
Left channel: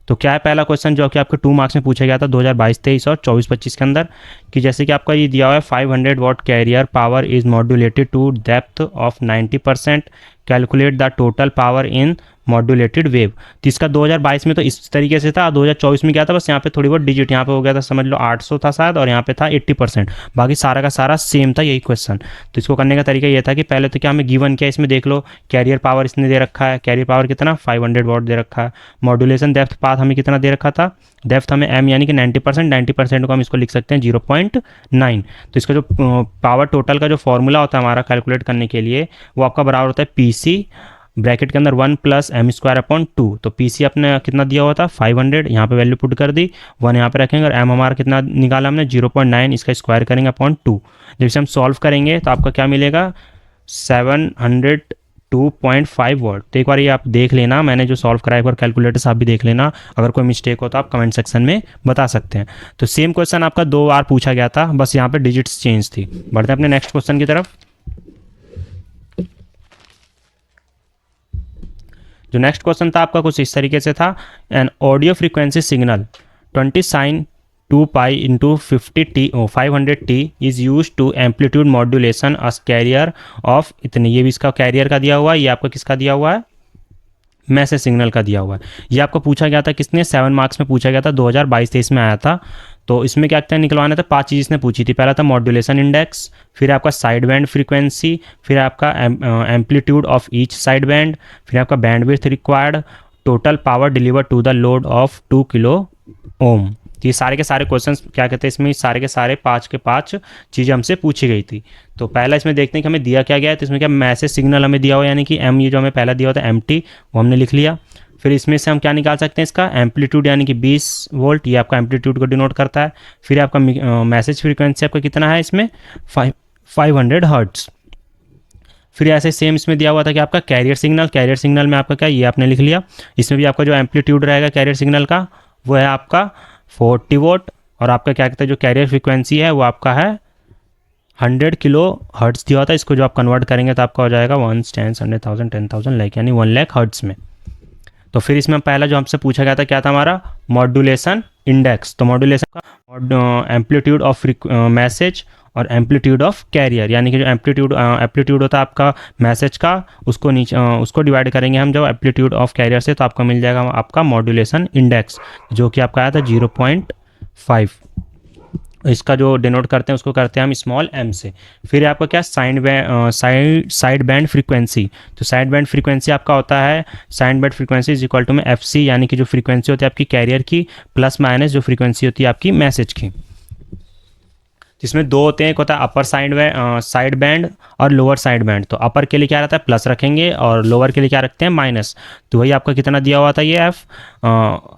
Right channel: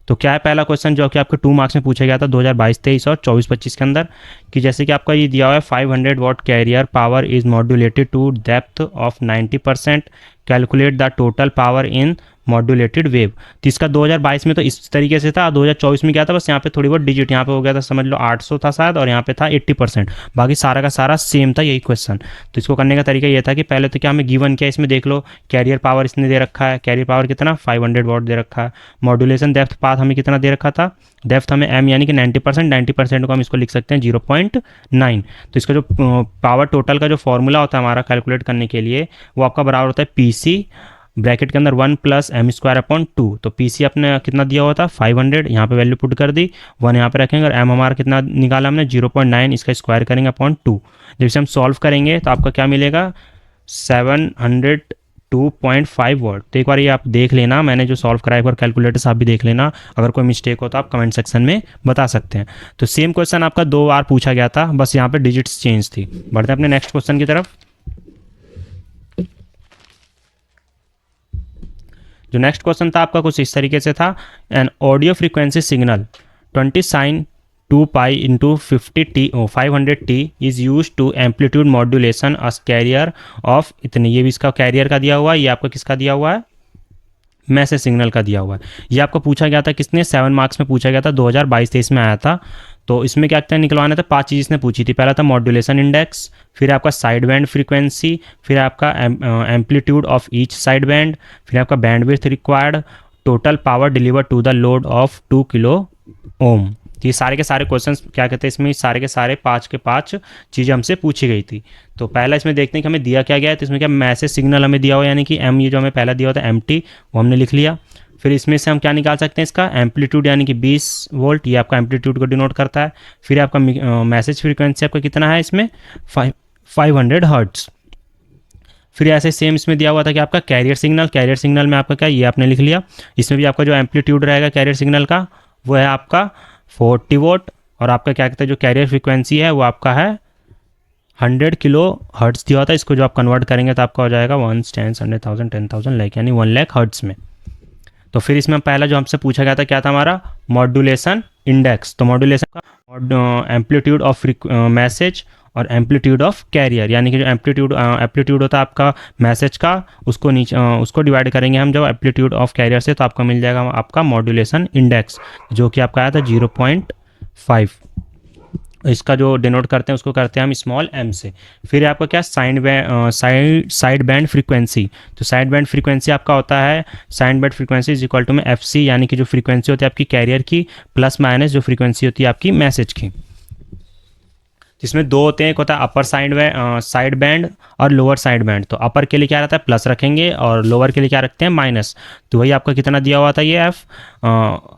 तो क्या है पहला क्वेश्चन जो कि आपके 2 मार्क्स में पूछा गया था 2022-23 और 24-25 के अंदर, कि जैसे कि आपका ये दिया हुआ है 500 watt carrier power is modulated to depth of 90%, calculate the total power in modulated wave. तो इसका 2022 में तो इस तरीके से था, 2024 में क्या था, बस यहाँ पे थोड़ी बहुत डिजिट यहाँ पे हो गया था, समझ लो 800 था शायद, और यहाँ पे था 80%, बाकी सारा का सारा सेम था यही क्वेश्चन। तो इसको करने का तरीका ये था कि पहले तो क्या हमें गिवन किया, इसमें देख लो कैरियर पावर इसने दे रखा है, कैरियर पावर कितना 500 वॉट दे रखा है। मॉड्यूलेशन डेप्थ पाथ हमें कितना दे रखा था, डेप्थ हमें M यानी कि 90%, 90% को हम इसको लिख सकते हैं 0.9। तो इसका जो पावर टोटल का जो फॉर्मूला होता है हमारा कैलकुलेट करने के लिए, वो आपका बराबर होता है PC ब्रैकेट के अंदर 1 + m²/2। तो PC अपने कितना दिया हुआ था 500, यहाँ पे वैल्यू पुट कर दी, 1 यहाँ पे रखेंगे, और m हमारा कितना निकाला हमने 0.9, इसका स्क्वायर करेंगे अपॉन 2। जब इसे हम सॉल्व करेंगे तो आपका क्या मिलेगा 702.5 वॉट। तो एक बार ये आप देख लेना, मैंने जो सॉल्व कराया एक बार कैलकुलेटर से आप भी देख लेना, अगर कोई मिस्टेक हो तो आप कमेंट सेक्शन में बता सकते हैं। तो सेम क्वेश्चन आपका 2 बार पूछा गया था, बस यहाँ पे डिजिट्स चेंज थी। बढ़ते हैं अपने नेक्स्ट क्वेश्चन की तरफ। जो नेक्स्ट क्वेश्चन था आपका कुछ इस तरीके से था, an audio frequency signal 20 sin 2π × 500t is use to amplitude modulation as carrier of इतने। ये भी इसका कैरियर का दिया हुआ है, ये आपका किसका दिया हुआ है, मैसेज सिग्नल का दिया हुआ है। ये आपको पूछा गया था किसने 7 मार्क्स में पूछा गया था, 2022-23 में आया था। तो इसमें क्या क्या निकलवाना था, 5 चीज़ इसने पूछी थी। पहला था मॉड्यूलेशन इंडेक्स, फिर आपका साइड बैंड फ्रीक्वेंसी, फिर आपका amplitude of each side band, फिर आपका bandwidth required, total power deliver to the load of 2 kilo ohm. तो ये सारे के सारे क्वेश्चन क्या कहते हैं, इसमें सारे के सारे 5 के 5 चीज़ें हमसे पूछी गई थी। तो पहला इसमें देखते हैं कि हमें दिया क्या गया है। तो इसमें क्या मैसेज सिग्नल हमें दिया हुआ, यानी कि M, ये जो हमें पहला दिया हुआ था MT, वो हमने लिख लिया। फिर इसमें से हम क्या निकाल सकते हैं, इसका एम्पलीट्यूड यानी कि 20 वोल्ट, ये आपका एम्पलीट्यूड को डिनोट करता है। फिर आपका मैसेज फ्रीक्वेंसी आपका कितना है इसमें 500 हर्ट्ज। फिर ऐसे सेम इसमें दिया हुआ था कि आपका कैरियर सिग्नल में आपका क्या, ये आपने लिख लिया। इसमें भी आपका जो एम्पलीट्यूड रहेगा कैरियर सिग्नल का वो है आपका 40 वोट, और आपका क्या कहते हैं जो कैरियर फ्रीक्वेंसी है वो आपका है 100 किलो हर्ट्ज दिया होता है। इसको जो आप कन्वर्ट करेंगे तो आपका हो जाएगा 1, 10, 100,000, 10,000 लाइक, यानी 1 लाख हर्ट्ज में। तो फिर इसमें पहला जो हमसे पूछा गया था क्या था हमारा, मॉड्यूलेशन इंडेक्स। तो मॉड्यूलेशन का एम्पलीट्यूड ऑफ मैसेज और एम्पलीट्यूड ऑफ कैरियर, यानी कि जो एम्पलीट्यूड होता है आपका मैसेज का, उसको नीचे उसको डिवाइड करेंगे हम जो एम्पलीट्यूड ऑफ कैरियर से, तो आपका मिल जाएगा आपका मॉड्यूलेशन इंडेक्स, जो कि आपका आया था 0.5। इसका जो डिनोट करते हैं उसको करते हैं हम स्मॉल m से। फिर आपका क्या साइड बैंड फ्रीक्वेंसी। तो साइड बैंड फ्रीक्वेंसी आपका होता है side band frequency is equal to में FC, यानी कि जो फ्रीक्वेंसी होती है आपकी कैरियर की प्लस माइनस जो फ्रीक्वेंसी होती है आपकी मैसेज की। जिसमें 2 होते हैं, एक होता है अपर साइड बैंड और लोअर साइड बैंड। तो अपर के लिए क्या रहता है प्लस रखेंगे, और लोअर के लिए क्या रखते हैं माइनस। तो वही आपका कितना दिया हुआ था ये F,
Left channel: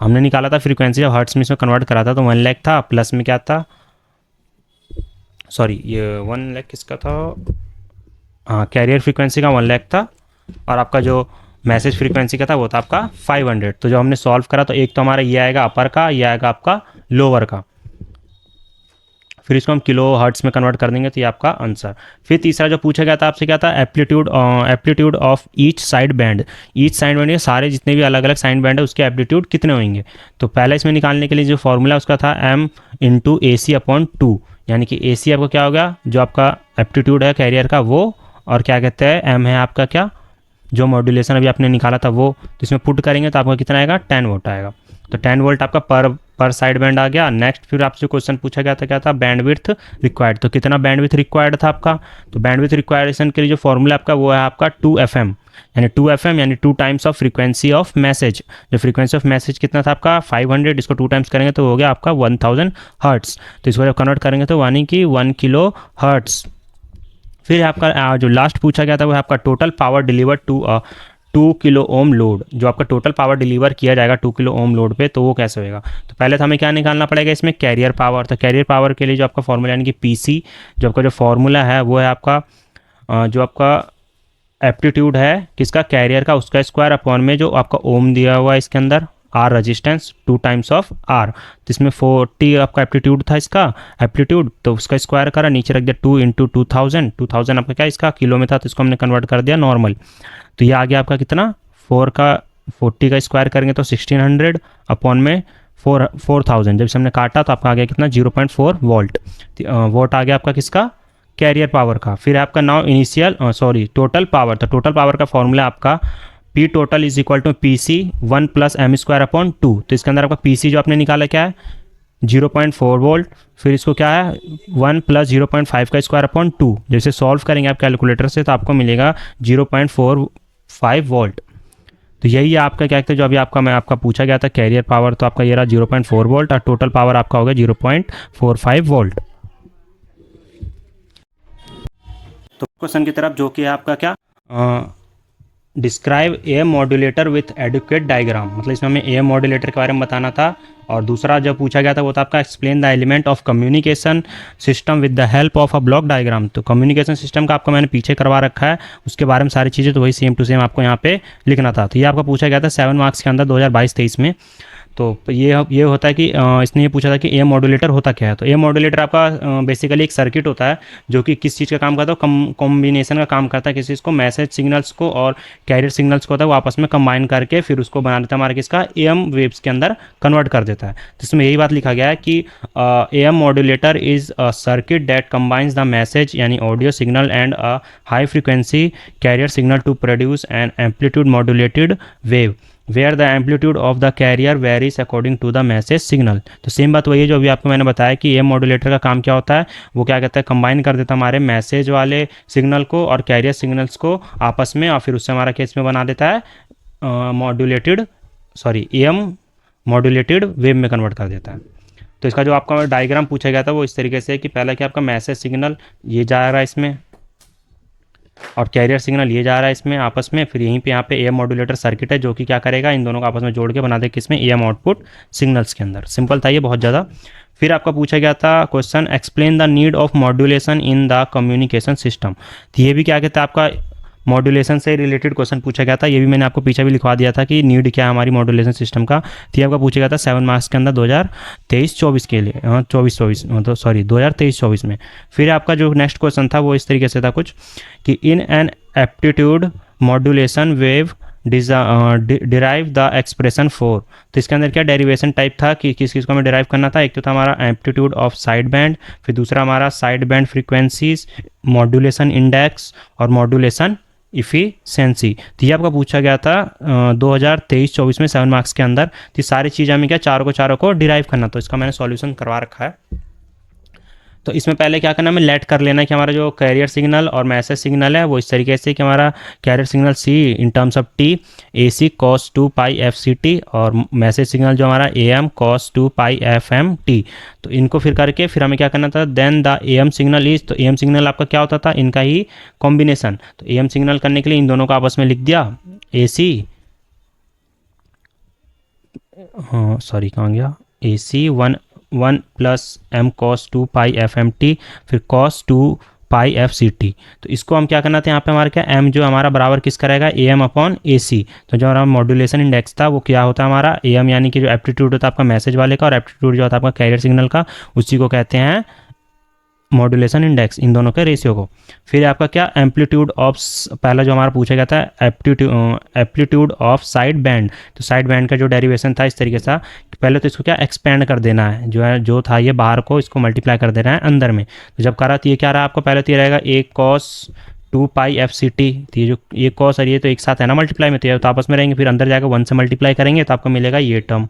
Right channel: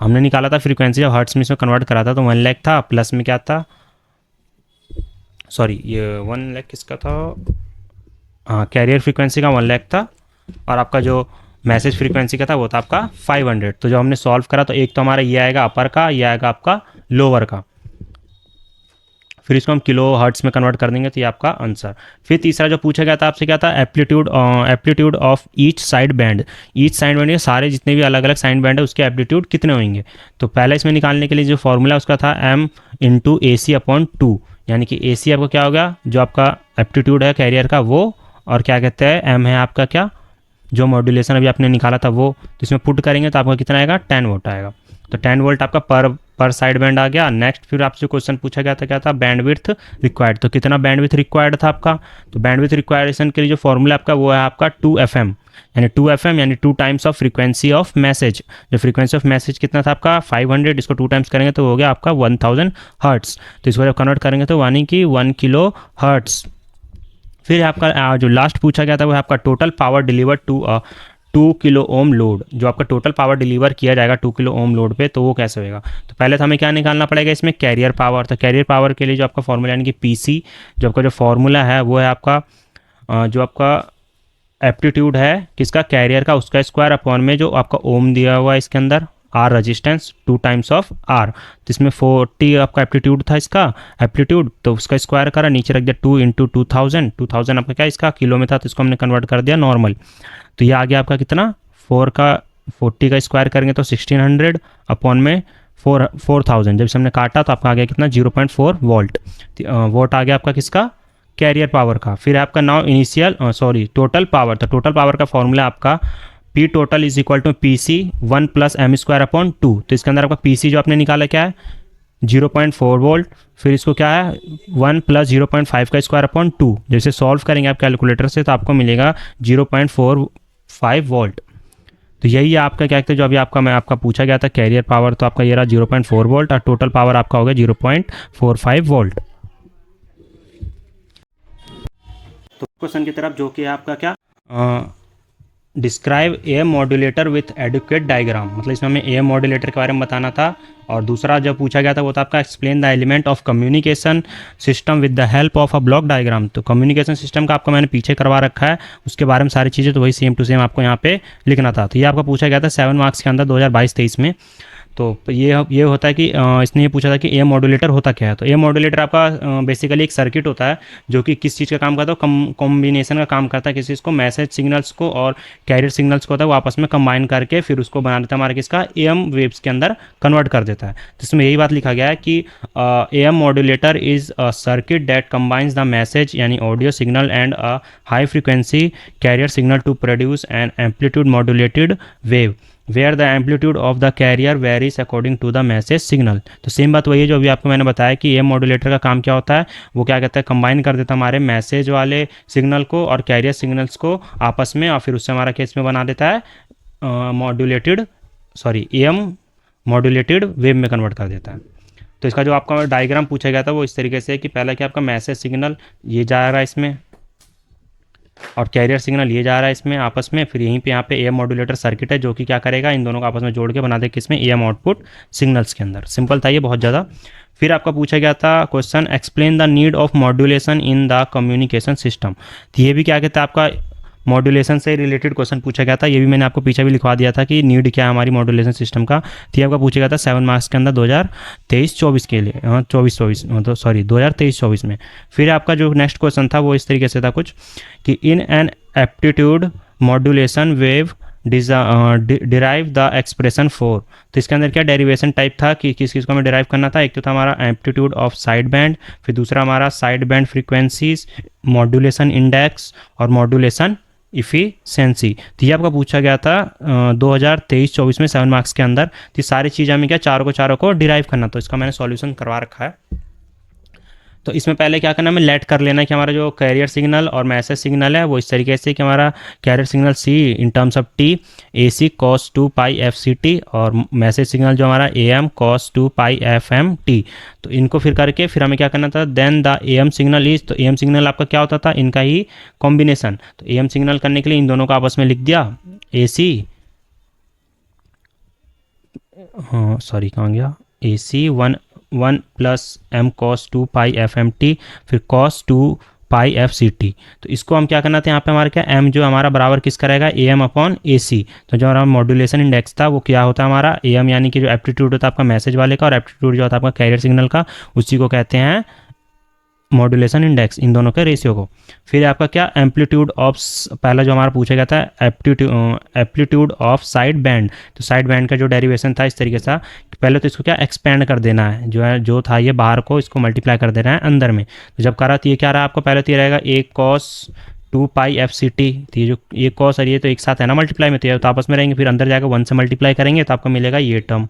हमने निकाला था फ्रीक्वेंसी हर्ट्स में इसमें कन्वर्ट करा था, तो 1 लाख था, प्लस में क्या था, सॉरी ये 1 लाख किसका था, हाँ कैरियर फ्रीक्वेंसी का 1 लाख था, और आपका जो मैसेज फ्रीक्वेंसी का था वो था आपका 500। तो जो हमने सॉल्व करा तो एक तो हमारा ये आएगा अपर का, ये आएगा आपका लोअर का। फिर इसको हम किलो हर्ट्स में कन्वर्ट कर देंगे तो ये आपका आंसर। फिर तीसरा जो पूछा गया था आपसे क्या था, aptitude of each side band. Each side band सारे जितने भी अलग अलग साइड बैंड है उसके एप्लीट्यूड कितने होंगे। तो पहले इसमें निकालने के लिए जो फॉर्मूला उसका था M × AC/2, यानी कि AC आपका क्या होगा, जो आपका एप्टीट्यूड है कैरियर का वो, और क्या कहते हैं M है आपका क्या, जो मॉड्यूलेशन अभी आपने निकाला था वो। तो इसमें पुट करेंगे तो आपका कितना आएगा 10 वोट आएगा। तो 10 वोल्ट आपका पर साइड बैंड आ गया। नेक्स्ट फिर आपसे क्वेश्चन पूछा गया था, क्या था, बैंडविड्थ रिक्वायर्ड। तो कितना बैंडविड्थ रिक्वायर्ड था आपका, तो बैंडविड्थ रिक्वायरेशन के लिए जो फॉर्मूला आपका वो है आपका 2FM, यानी 2FM यानी 2 times of frequency of message. जो फ्रीक्वेंसी ऑफ मैसेज कितना था आपका 500, इसको 2 टाइम्स करेंगे तो हो गया आपका 1000 हर्ट्स। तो इसको जब कन्वर्ट करेंगे तो यानी कि 1 किलो हर्ट्स। फिर आपका जो लास्ट पूछा गया था वो है आपका total power delivered to 2 kilo ohm load. जो आपका टोटल पावर डिलीवर किया जाएगा 2 किलो ओम लोड पे, तो वो कैसे होएगा। तो पहले तो हमें क्या निकालना पड़ेगा इसमें, कैरियर पावर। तो कैरियर पावर के लिए जो आपका फॉर्मूला यानी कि पीसी, जो आपका जो फॉर्मूला है वो है आपका जो आपका एप्टीट्यूड है किसका, कैरियर का, उसका स्क्वायर अपॉन में जो आपका ओम दिया हुआ है इसके अंदर R resistance 2 times of R. तो इसमें 40 आपका एप्टीट्यूड था इसका एप्टीट्यूड, तो उसका स्क्वायर करा, नीचे रख दिया 2 इंटू 2000 आपका क्या इसका किलो में था, तो इसको हमने कन्वर्ट कर दिया नॉर्मल। तो ये आ गया आपका कितना 40 का स्क्वायर करेंगे तो 1600 अपॉन में 4000, जब से हमने काटा तो आपका आ गया कितना 0.4 वोल्ट। वोट आ गया आपका किसका, कैरियर पावर का। फिर आपका नाउ इनिशियल टोटल पावर। तो टोटल पावर का फॉर्मूला आपका P total is equal to P C 1 plus M square upon 2। तो इसके अंदर आपका पी सी जो आपने निकाला क्या है 0.4 वोल्ट, फिर इसको क्या है 1 प्लस 0.5 का स्क्वायर अपॉन 2। जैसे सॉल्व करेंगे आप कैलकुलेटर से तो आपको मिलेगा 0.45 वोल्ट। तो यही है आपका क्या कहते हैं जो अभी आपका पूछा गया था कैरियर पावर, तो आपका ये रहा 0.4 वोल्ट और टोटल पावर आपका हो गया 0.45 वोल्ट। तो क्वेश्चन की तरफ जो कि है आपका क्या, describe AM modulator with adequate diagram. मतलब इसमें हमें एएम मॉड्यूलेटर के बारे में बताना था। और दूसरा जो पूछा गया था वो था आपका explain the element of communication system with the help of a block diagram. तो कम्युनिकेशन सिस्टम का आपको मैंने पीछे करवा रखा है, उसके बारे में सारी चीज़ें तो वही सेम टू सेम आपको यहाँ पे लिखना था। तो ये आपका पूछा गया था 7 मार्क्स के अंदर 2022-23 में। तो ये होता है कि इसने ये पूछा था कि एएम मॉड्यूलेटर होता क्या है। तो एएम मॉड्यूलेटर आपका बेसिकली एक सर्किट होता है जो कि किस चीज़ का काम करता है, कॉम्बिनेशन का काम करता है। किसी चीज़ को मैसेज सिग्नल्स को और कैरियर सिग्नल्स को होता है वो आपस में कंबाइन करके फिर उसको बना देता है हमारे किसका एएम वेव्स के अंदर कन्वर्ट कर देता है। तो इसमें यही बात लिखा गया है कि AM modulator is a circuit that combines the message यानी audio signal and a high frequency carrier signal to produce an amplitude modulated wave where the amplitude of the carrier varies according to the message signal। तो same बात वही है जो अभी आपको मैंने बताया कि ये मॉड्यूलेटर का काम क्या होता है, वो क्या कहता है कंबाइन कर देता है हमारे मैसेज वाले सिग्नल को और कैरियर सिग्नल्स को आपस में, और फिर उससे हमारा केस में बना देता है एएम मॉड्यूलेटेड वेव में कन्वर्ट कर देता है। तो इसका जो आपका डायग्राम पूछा गया था वो इस तरीके से कि पहला क्या आपका मैसेज सिग्नल ये जा रहा है इसमें और कैरियर सिग्नल ये जा रहा है इसमें आपस में, फिर यहीं पे यहाँ पे एएम मॉड्यूलेटर सर्किट है जो कि क्या करेगा इन दोनों को आपस में जोड़ के बना दे किसमें एएम आउटपुट सिग्नल्स के अंदर। सिंपल था ये बहुत ज़्यादा। फिर आपका पूछा गया था question explain the need of modulation in the communication system. तो ये भी क्या कहता है आपका मॉड्यूलेशन से रिलेटेड क्वेश्चन पूछा गया था। ये भी मैंने आपको पीछे भी लिखवा दिया था कि नीड क्या है हमारी मॉड्यूलेशन सिस्टम का। तो ये आपका पूछा गया था 7 मार्क्स के अंदर 2023-24 के लिए, 2023-24 में। फिर आपका जो नेक्स्ट क्वेश्चन था वो इस तरीके से था कुछ कि in an aptitude modulation wave derive the expression for. तो इसके अंदर क्या डेरिवेशन टाइप था कि किस चीज़ को हमें डिराइव करना था। एक तो था हमारा एम्पलीट्यूड ऑफ साइड बैंड, फिर दूसरा हमारा side band frequencies, modulation index और मॉड्यूलेशन इफिशिएंसी। तो ये आपका पूछा गया था 2023-24 में 7 मार्क्स के अंदर। तो सारी चीज़ हमें क्या चारों को डिराइव करना, तो इसका मैंने सॉल्यूशन करवा रखा है। तो इसमें पहले क्या करना हमें लेट कर लेना है कि हमारा जो कैरियर सिग्नल और मैसेज सिग्नल है वो इस तरीके से कि हमारा carrier signal C in terms of T A C cos 2 pi F C T और मैसेज सिग्नल जो हमारा A M cos 2 pi F M T. तो इनको फिर करके फिर हमें क्या करना था then the A M signal is, तो ए एम सिग्नल आपका क्या होता था इनका ही कॉम्बिनेशन। तो ए एम सिग्नल करने के लिए इन दोनों को आपस में लिख दिया ए सी, हाँ सॉरी कहाँ गया, ए सी 1 plus M cos 2 pi F M T, फिर cos 2 pi F C T. तो इसको हम क्या करना था यहाँ पे हमारा क्या एम जो हमारा बराबर किसका रहेगा ए एम अपॉन ए सी। तो जो हमारा मॉड्यूलेशन इंडेक्स था वो क्या होता है हमारा ए एम यानी कि जो एप्टीट्यूड होता है आपका मैसेज वाले का और एप्टीट्यूड जो होता है आपका कैरियर सिग्नल का, उसी को कहते हैं मॉड्यूलेशन इंडेक्स, इन दोनों के रेशियो को। फिर आपका क्या एम्पलीट्यूड ऑफ, पहला जो हमारा पूछा गया था एप्टीट्यूड ऑफ साइड बैंड। तो साइड बैंड का जो डेरिवेशन था इस तरीके से पहले तो इसको क्या एक्सपेंड कर देना है, जो था ये बाहर को इसको मल्टीप्लाई कर देना है अंदर में। तो जब करा तो ये क्या रहा आपको पहले तो ये रहेगा ए कॉस टू पाई एफ सी टी। तो ये कॉस और ये तो एक साथ है ना मल्टीप्लाई में, तो आपस में रहेंगे, फिर अंदर जाकर 1 से मल्टीप्लाई करेंगे तो आपको मिलेगा ये टर्म।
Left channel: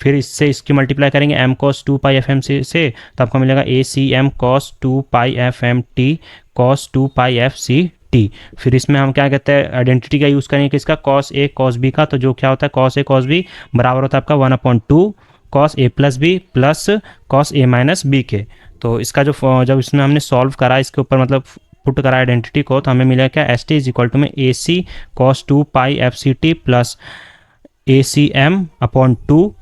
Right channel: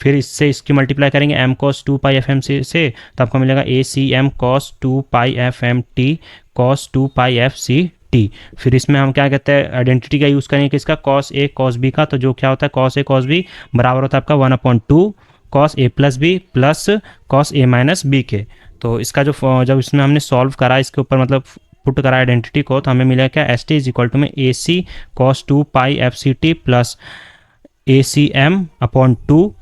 फिर इससे इसकी मल्टीप्लाई करेंगे M cos 2 pi F M से तो आपको मिलेगा ए C M cos 2 pi F M T cos 2 pi F C T. फिर इसमें हम क्या कहते हैं, आइडेंटिटी का यूज़ करेंगे किसका, कॉस ए कॉस बी का। तो जो क्या होता है कॉस ए कॉस बी बराबर होता है आपका 1/2 cos A plus B plus cos A minus B के। तो इसका जब इसमें हमने सॉल्व करा इसके ऊपर मतलब पुट करा आइडेंटिटी को, तो हमें मिला क्या, S T is equal to में A C cos 2 pi F C T plus A C M upon 2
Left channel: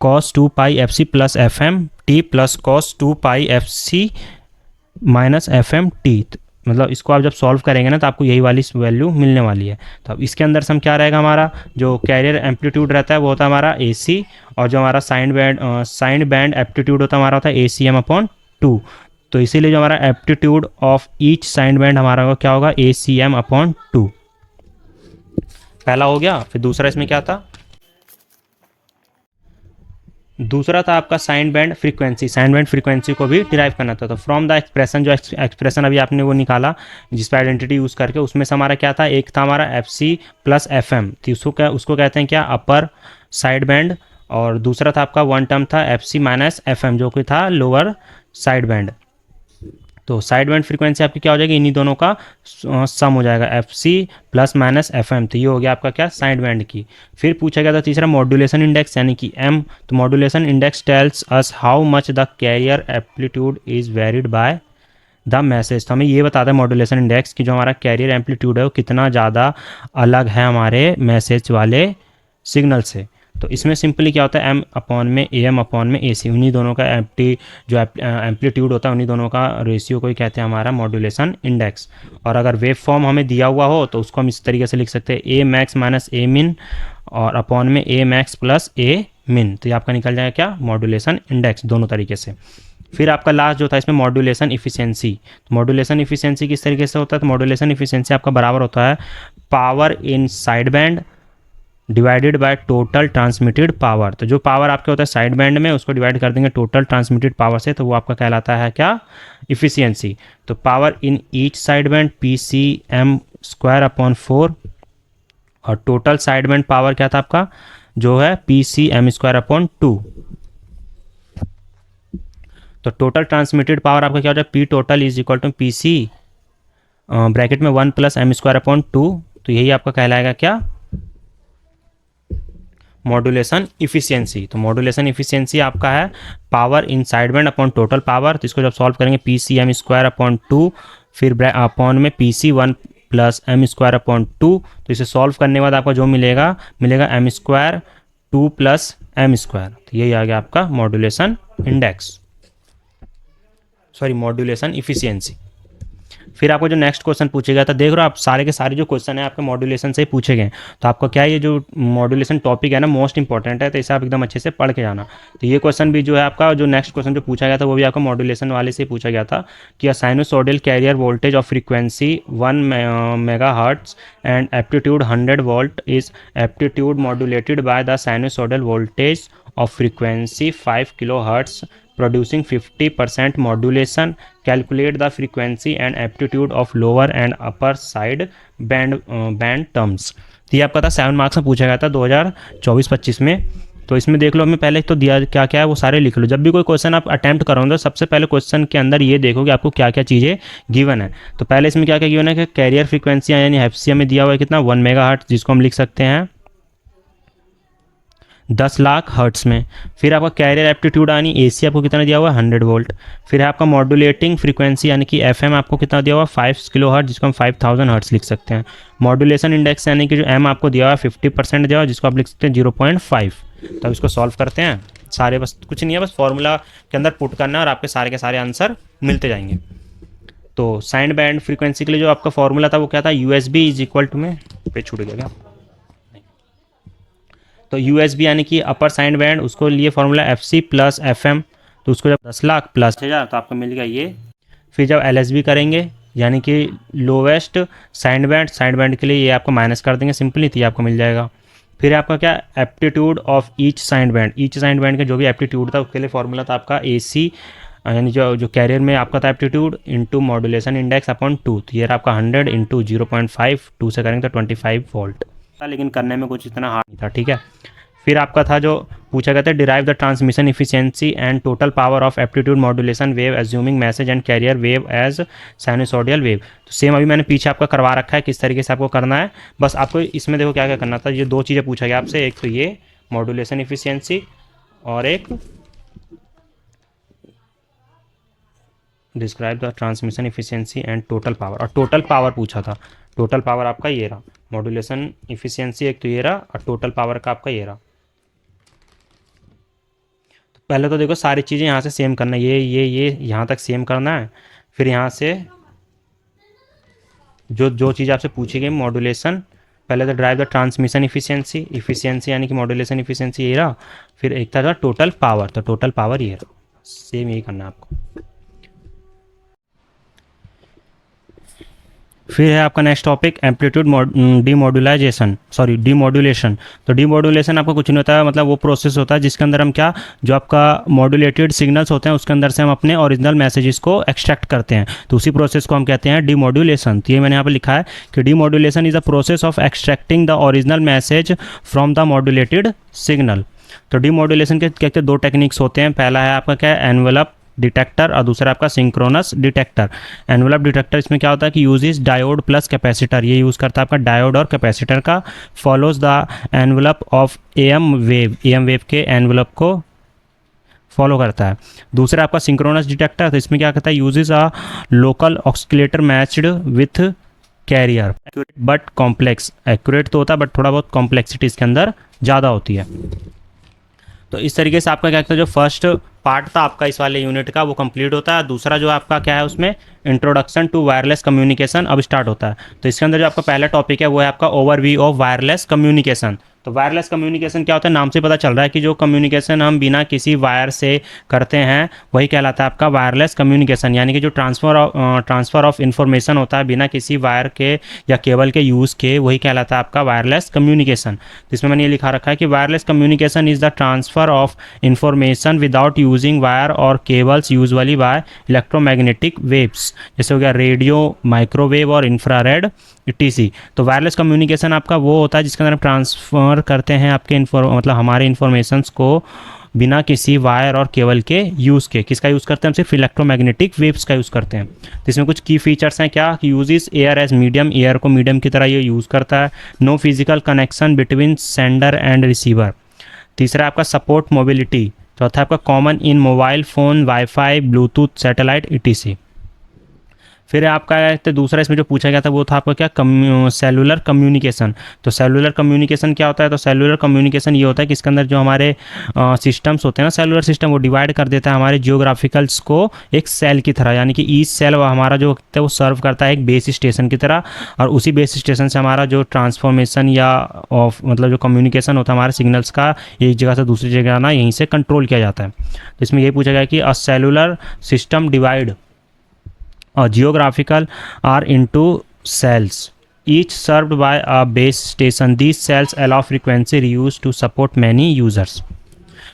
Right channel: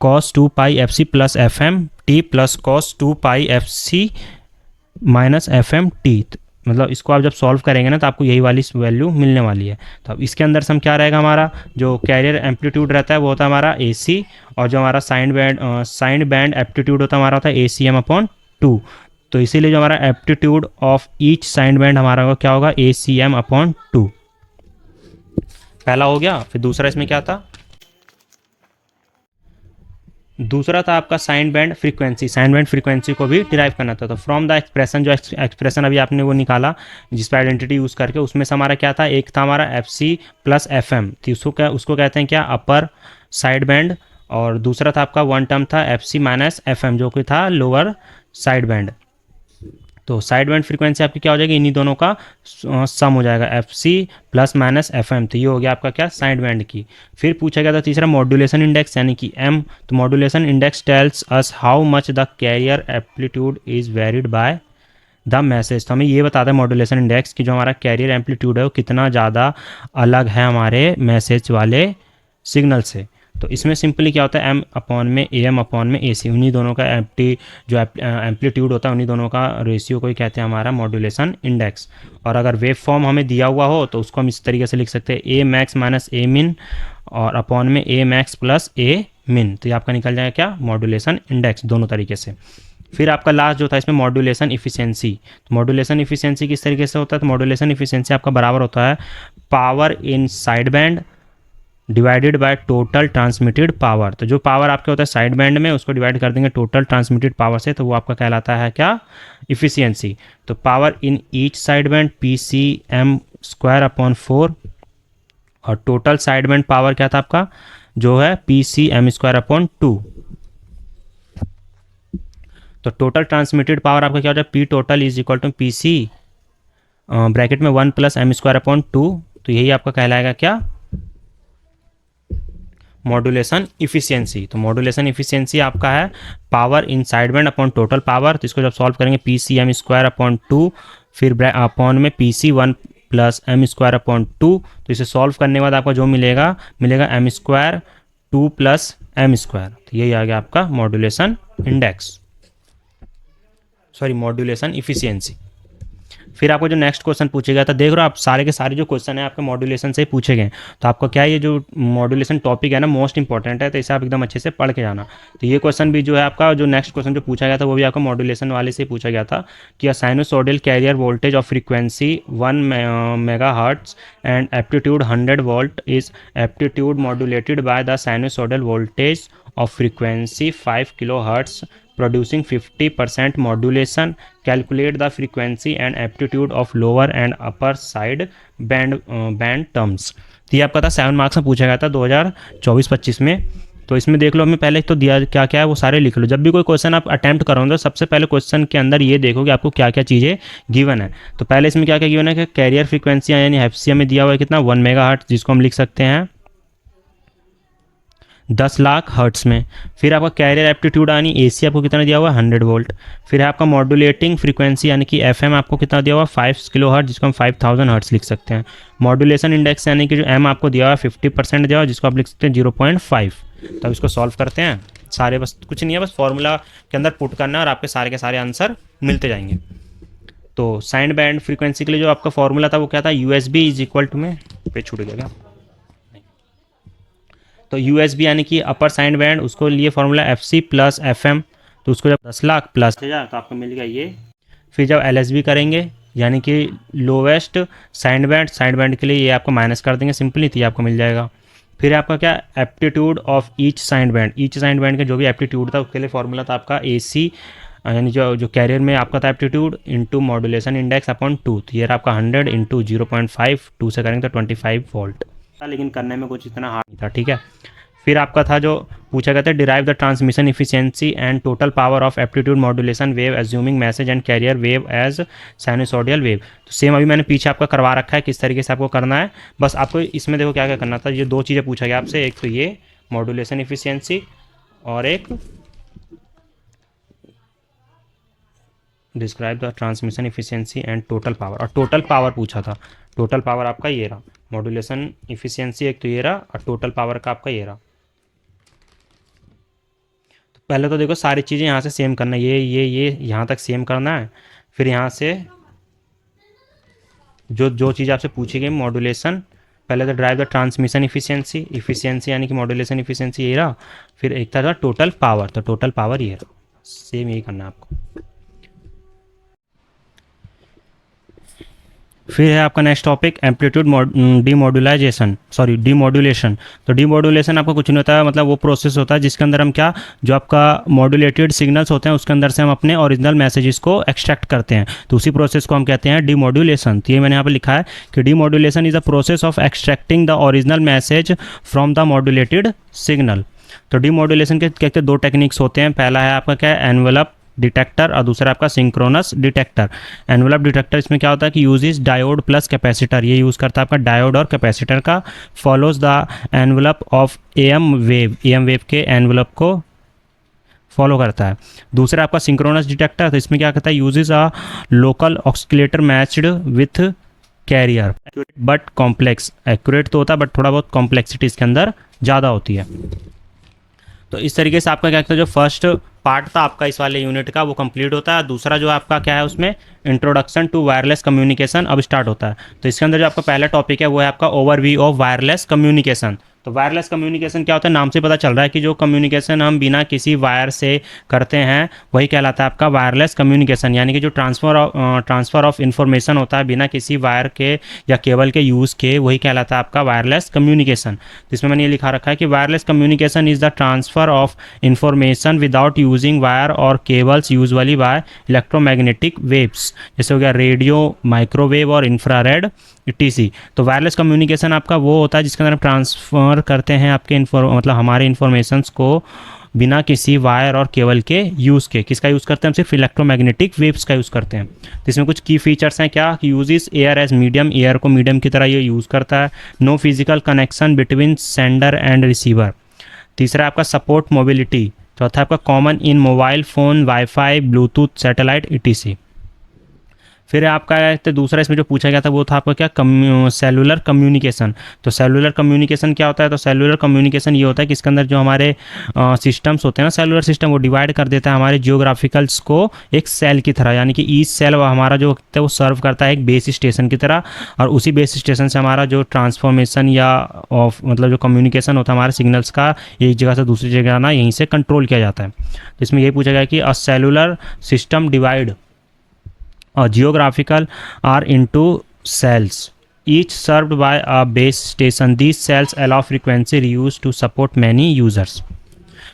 cos 2 pi F C plus F M T plus cos 2 pi F C minus F M T. मतलब इसको आप जब solve करेंगे ना तो आपको यही वाली वैल्यू मिलने वाली है। तो अब इसके अंदर सम क्या रहेगा, हमारा जो कैरियर एम्पलीट्यूड रहता है वो होता है हमारा ए सी, और जो हमारा साइड बैंड एप्टीट्यूड होता है हमारा होता है ए सी एम अपॉन 2। तो इसीलिए जो हमारा aptitude of each side band हमारा होगा क्या होगा, ए सी एम अपॉन 2। पहला हो गया। फिर दूसरा इसमें क्या था, दूसरा था आपका side band frequency. Side band frequency को भी डिराइव करना था। तो फ्रॉम द एक्सप्रेशन, जो एक्सप्रेशन अभी आपने वो निकाला जिस पर आइडेंटिटी यूज़ करके, उसमें से हमारा क्या था, एक था हमारा F C plus F M, तो उसको कहते हैं क्या, अपर साइड बैंड। और दूसरा था आपका वन टर्म था F C minus F M जो कि था लोअर साइड बैंड। तो साइड बैंड फ्रीक्वेंसी आपकी क्या हो जाएगी, इन्हीं दोनों का सम हो जाएगा, F C plus minus F M. तो ये हो गया आपका क्या, साइड बैंड की। फिर पूछा गया था तीसरा मॉड्यूलेशन इंडेक्स यानी कि एम। तो modulation index tells us how much the carrier amplitude is varied by the message. तो हमें ये बताता है मॉड्यूलेशन इंडेक्स कि जो हमारा कैरियर एम्पलीट्यूड है वो कितना ज़्यादा अलग है हमारे मैसेज वाले सिग्नल से। तो इसमें सिंपली क्या होता है, एम अपॉन में ए एम अपॉन में ए सी, उन्हीं दोनों का एम्पलीट्यूड होता है, उन्हीं दोनों का रेशियो को ही कहते हैं हमारा मॉड्यूलेशन इंडेक्स। और अगर वेव फॉर्म हमें दिया हुआ हो तो उसको हम इस तरीके से लिख सकते हैं, ए मैक्स माइनस ए मिन और अपॉन में ए मैक्स प्लस ए मिन। तो ये आपका निकल जाएगा क्या, मॉड्यूलेशन इंडेक्स, दोनों तरीके से। फिर आपका लास्ट जो था इसमें मॉड्यूलेशन इफिशियंसी। तो मॉड्यूलेशन इफिशियंसी किस तरीके से होता है, तो मॉड्यूलेशन इफिशियंसी आपका बराबर होता है power in side band divided by total transmitted power. तो जो पावर आपके होता है साइड बैंड में उसको डिवाइड कर देंगे टोटल ट्रांसमिटेड पावर से, तो वो आपका कहलाता है क्या, इफिशियंसी। तो power in each side band P C M square upon 4, और टोटल साइड बैंड पावर क्या था आपका, जो है P C M square upon 2। तो टोटल ट्रांसमिटेड पावर आपका क्या हो जाए, P total is equal to P C bracket में 1 प्लस एम स्क्वायर अपॉन 2। तो यही आपका कहलाएगा क्या, मॉड्यूलेशन इफिशियंसी। तो मॉड्यूलेशन इफिशियंसी आपका है power in side band upon total power. तो इसको जब सॉल्व करेंगे P C M square upon 2 फिर अपॉन में P C 1 plus M square upon 2। तो इसे सॉल्व करने के बाद आपको जो मिलेगा M square 2 plus M square. तो यही आ गया आपका modulation index, sorry modulation efficiency. फिर आपको जो नेक्स्ट क्वेश्चन पूछेगा, तो देख रहे हो आप सारे के सारे जो क्वेश्चन है आपके मॉड्यूलेशन से ही पूछे गए। तो आपको क्या ये जो मॉड्यूलेशन टॉपिक है ना मोस्ट इंपॉर्टेंट है, तो इसे आप एकदम अच्छे से पढ़ के जाना। तो ये क्वेश्चन भी जो है आपका, जो नेक्स्ट क्वेश्चन जो पूछा गया था वो भी आपको मॉड्यूलेशन वाले से पूछा गया था कि sinusoidal carrier voltage of frequency 1 megahertz and amplitude 100 volt is amplitude modulated by the sinusoidal voltage of frequency 5 kilohertz producing 50% modulation. Calculate the frequency and amplitude of lower and upper side band terms. तो ये आपका था 7 marks में पूछा गया था 2024-25 में। तो इसमें देख लो, हमें पहले तो दिया क्या क्या है वो सारे लिख लो। जब भी कोई क्वेश्चन आप अटेम्प्ट करोगे तो सबसे पहले क्वेश्चन के अंदर ये देखो कि आपको क्या क्या चीज़ें गिवन है। तो पहले इसमें क्या क्या गिवन है कि कैरियर फ्रीक्वेंसी यानी एफ सी में दिया हुआ है कितना, 1 मेगाहर्ट्ज, जिसको हम लिख सकते हैं 10 लाख हर्ट्स में। फिर आपका कैरियर एप्टीट्यूड यानी एसी आपको कितना दिया हुआ है, 100 वोल्ट। फिर आपका मॉड्यूलेटिंग फ्रीक्वेंसी यानी कि एफएम आपको कितना दिया हुआ है, 5 किलो हर्ट्ज, जिसको हम 5000 हर्ट्स लिख सकते हैं। मॉड्यूलेशन इंडेक्स यानी कि जो एम आपको दिया हुआ है 50% दिया हुआ है, जिसको आप लिख सकते हैं 0.5। तो इसको सॉल्व करते हैं सारे, बस कुछ नहीं है, बस फॉर्मूला के अंदर पुट करना है और आपके सारे के सारे आंसर मिलते जाएंगे। तो साइड बैंड फ्रीक्वेंसी के लिए जो आपका फॉर्मूला था वो क्या था, यूएसबी इज इक्वल टू में पे छूट गया। तो यूएसबी यानी कि अपर साइड बैंड, उसको लिए formula F C plus F M. तो उसको जब 10 लाख प्लस 1000 तो आपको मिल गया ये। फिर जब एलएसबी करेंगे यानी कि लोवेस्ट साइड बैंड के लिए ये आपको माइनस कर देंगे सिंपली, तो ये आपको मिल जाएगा। फिर आपका क्या, aptitude of each side band का जो भी एप्टीट्यूड था उसके लिए फॉर्मूला था आपका ए सी यानी जो कैरियर में आपका था aptitude into modulation index upon 2, तो ये आपका 100 इंटू 0.5, 2 से करेंगे तो 25 वोल्ट था, लेकिन करने में कुछ इतना हार्ड नहीं था, ठीक है। फिर आपका था जो पूछा गया था, derive the transmission efficiency and total power of aptitude modulation wave assuming message and carrier wave as sinusoidal wave. तो सेम अभी मैंने पीछे आपका करवा रखा है किस तरीके से आपको करना है। बस आपको इसमें देखो क्या क्या करना था, ये दो चीज़ें पूछा गया आपसे, एक तो ये मॉड्यूलेशन इफिशियंसी और एक describe the transmission efficiency and total power, और टोटल पावर पूछा था। टोटल पावर आपका ये रहा, मॉड्यूलेशन इफिशियंसी एक तो ये रहा और टोटल पावर का आपका ये रहा। तो पहले तो देखो सारी चीज़ें यहाँ से सेम करना है, ये यहाँ तक सेम करना है। फिर यहाँ से जो चीज़ आपसे पूछी गई मॉड्यूलेशन, पहले तो ड्राइव द ट्रांसमिशन इफिशियंसी यानी कि मॉड्यूलेशन इफिशियंसी ये रहा। फिर एक था टोटल पावर, तो टोटल पावर ये रहा, सेम यही करना है आपको। फिर है आपका नेक्स्ट टॉपिक एम्पलीट्यूड डीमॉड्यूलेशन। तो डीमॉड्यूलेशन आपको कुछ नहीं होता है, मतलब वो प्रोसेस होता है जिसके अंदर हम क्या, जो आपका मॉड्यूलेटेड सिग्नल्स होते हैं उसके अंदर से हम अपने ओरिजिनल मैसेजेस को एक्सट्रैक्ट करते हैं, तो उसी प्रोसेस को हम कहते हैं डीमॉड्यूलेशन। तो ये मैंने यहाँ पर लिखा है कि demodulation is a process of extracting the original message from the modulated signal. तो डीमॉड्यूलेशन के कहते दो टेक्निक्स होते हैं, पहला है आपका क्या है एनवेलप डिटेक्टर और दूसरा आपका सिंक्रोनस डिटेक्टर। एनवेलप डिटेक्टर इसमें क्या होता है कि यूजेस डायोड प्लस कैपेसिटर, ये यूज़ करता है आपका डायोड और कैपेसिटर का, follows the envelope of M wave के एनवेलप को फॉलो करता है। दूसरा आपका सिंक्रोनस डिटेक्टर, तो इसमें क्या करता है uses a local oscillator matched with carrier but complex. Accurate तो होता है बट थोड़ा बहुत कॉम्प्लेक्सिटी इसके अंदर ज़्यादा होती है। तो इस तरीके से आपका क्या कहता है, जो फर्स्ट पार्ट था आपका इस वाले यूनिट का वो कंप्लीट होता है। दूसरा जो आपका क्या है उसमें इंट्रोडक्शन टू वायरलेस कम्युनिकेशन अब स्टार्ट होता है। तो इसके अंदर जो आपका पहला टॉपिक है वो है आपका ओवरव्यू ऑफ वायरलेस कम्युनिकेशन। तो वायरलेस कम्युनिकेशन क्या होता है, नाम से पता चल रहा है कि जो कम्युनिकेशन हम बिना किसी वायर से करते हैं वही कहलाता है आपका वायरलेस कम्युनिकेशन, यानी कि जो ट्रांसफ़र ऑफ इंफॉर्मेशन होता है बिना किसी वायर के या केबल के यूज़ के, वही कहलाता है आपका वायरलेस कम्युनिकेशन। इसमें मैंने ये लिखा रखा है कि wireless communication is the transfer of information without using wire और cables usually by electromagnetic waves, जैसे हो गया रेडियो, माइक्रोवेव और इंफ्रारेड टीसी। तो वायरलेस कम्युनिकेशन आपका वो होता है जिसके अंदर हम ट्रांसफ़र करते हैं आपके मतलब हमारे इन्फॉर्मेशंस को बिना किसी वायर और केबल के यूज़ के। किसका यूज़ करते हैं हम, सिर्फ इलेक्ट्रोमैग्नेटिक वेव्स का यूज़ करते हैं। तो इसमें कुछ की फीचर्स हैं क्या कि uses air as medium, air को मीडियम की तरह ये यूज़ करता है। No physical connection between sender and receiver. तीसरा आपका सपोर्ट मोबिलिटी। चौथा आपका common in mobile phone, wifi, Bluetooth, satellite etc. फिर आपका तो दूसरा इसमें जो पूछा गया था वो था आपका क्या सेलुलर कम्युनिकेशन। तो सेलुलर कम्युनिकेशन क्या होता है, तो सेलुलर कम्युनिकेशन ये होता है कि इसके अंदर जो हमारे सिस्टम्स होते हैं ना, सेलुलर सिस्टम, वो डिवाइड कर देता है हमारे जियोग्राफिकल्स को एक सेल की तरह, यानी कि ईच सेल हमारा जो है वो सर्व करता है एक बेस स्टेशन की तरह, और उसी बेस स्टेशन से हमारा जो ट्रांसफॉर्मेशन या मतलब जो कम्युनिकेशन होता है हमारे सिग्नल्स का एक जगह से दूसरी जगह ना, यहीं से कंट्रोल किया जाता है। तो इसमें ये पूछा गया कि a cellular system divide geographical are into cells each served by a base station. These cells allow frequency reuse to support many users.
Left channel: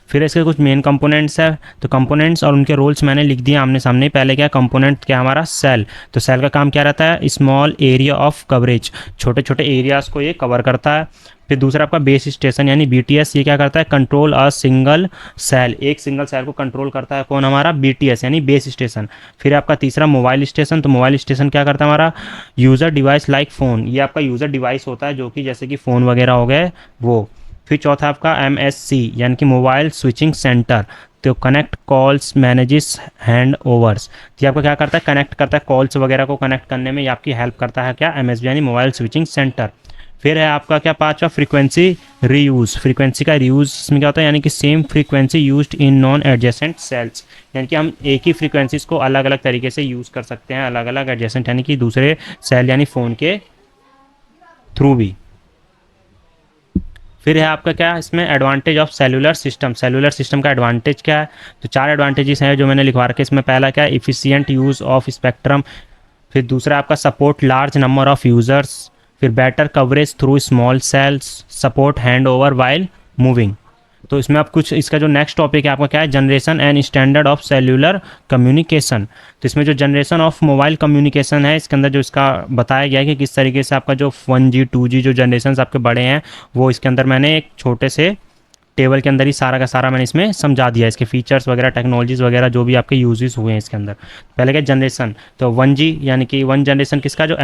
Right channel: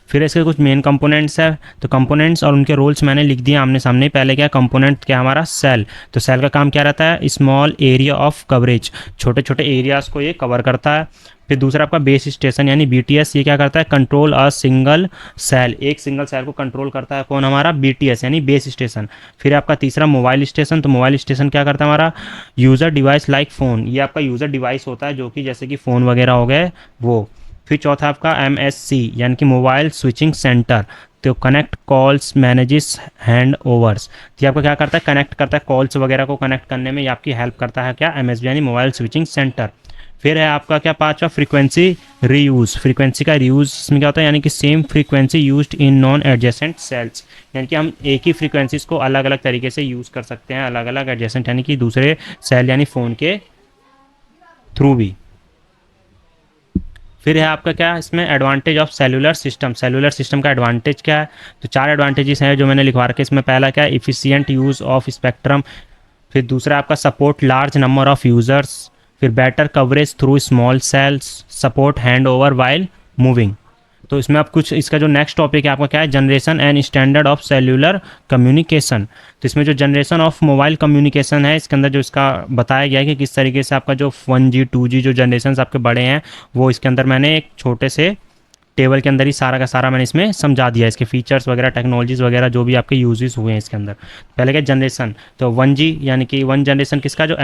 फिर इसके कुछ मेन कंपोनेंट्स है, तो कंपोनेंट्स और उनके रोल्स मैंने लिख दिए आमने सामने। पहले क्या कंपोनेंट क्या हमारा सेल, तो सेल का काम क्या रहता है, स्मॉल एरिया ऑफ कवरेज, छोटे छोटे एरियाज को ये कवर करता है। फिर दूसरा आपका बेस स्टेशन यानी बीटीएस, ये क्या करता है, कंट्रोल अ सिंगल सेल, एक सिंगल सेल को कंट्रोल करता है कौन, हमारा बीटीएस यानी बेस स्टेशन। फिर आपका तीसरा मोबाइल स्टेशन, तो मोबाइल स्टेशन क्या करता है हमारा यूज़र डिवाइस लाइक फ़ोन, ये आपका यूज़र डिवाइस होता है जो कि जैसे कि फ़ोन वगैरह हो गए वो। फिर चौथा आपका एमएससी यानी कि मोबाइल स्विचिंग सेंटर, तो connect calls manages hand overs, ये आपका क्या करता है, कनेक्ट करता है कॉल्स वगैरह को कनेक्ट करने में, ये आपकी हेल्प करता है क्या, एमएसबी यानी मोबाइल स्विचिंग सेंटर। फिर है आपका क्या पांचवा फ्रीक्वेंसी रीयूज़, फ्रीक्वेंसी का रीयूज़ इसमें क्या होता है, यानी कि same frequency used in non adjacent sales, यानी कि हम एक ही फ्रीक्वेंसीज को अलग अलग तरीके से यूज़ कर सकते हैं, अलग अलग एडजेसेंट यानी कि दूसरे सेल यानी फ़ोन के थ्रू भी। फिर है आपका क्या इसमें advantage of cellular system, cellular system का एडवांटेज क्या है, तो चार एडवांटेजेस हैं जो मैंने लिखवा रखे इसमें। पहला क्या है, इफिशिएंट यूज़ ऑफ स्पेक्ट्रम। फिर दूसरा आपका support large number of users. फिर better coverage through small cells, support hand over while moving. तो इसमें आप कुछ इसका जो नेक्स्ट टॉपिक है आपका क्या है, generation and standard of cellular communication. तो इसमें जो जनरेशन ऑफ मोबाइल कम्युनिकेशन है, इसके अंदर जो इसका बताया गया है कि किस तरीके से आपका जो 1G 2G जो जनरेशन आपके बड़े हैं, वो इसके अंदर मैंने एक छोटे से टेबल के अंदर ही सारा का सारा मैंने इसमें समझा दिया है, इसके फीचर्स वगैरह, टेक्नोलॉजीज वगैरह जो भी आपके यूजेस हुए हैं इसके अंदर। पहले क्या जनरेशन, तो 1G यानी कि वन जनरेशन किसका, जो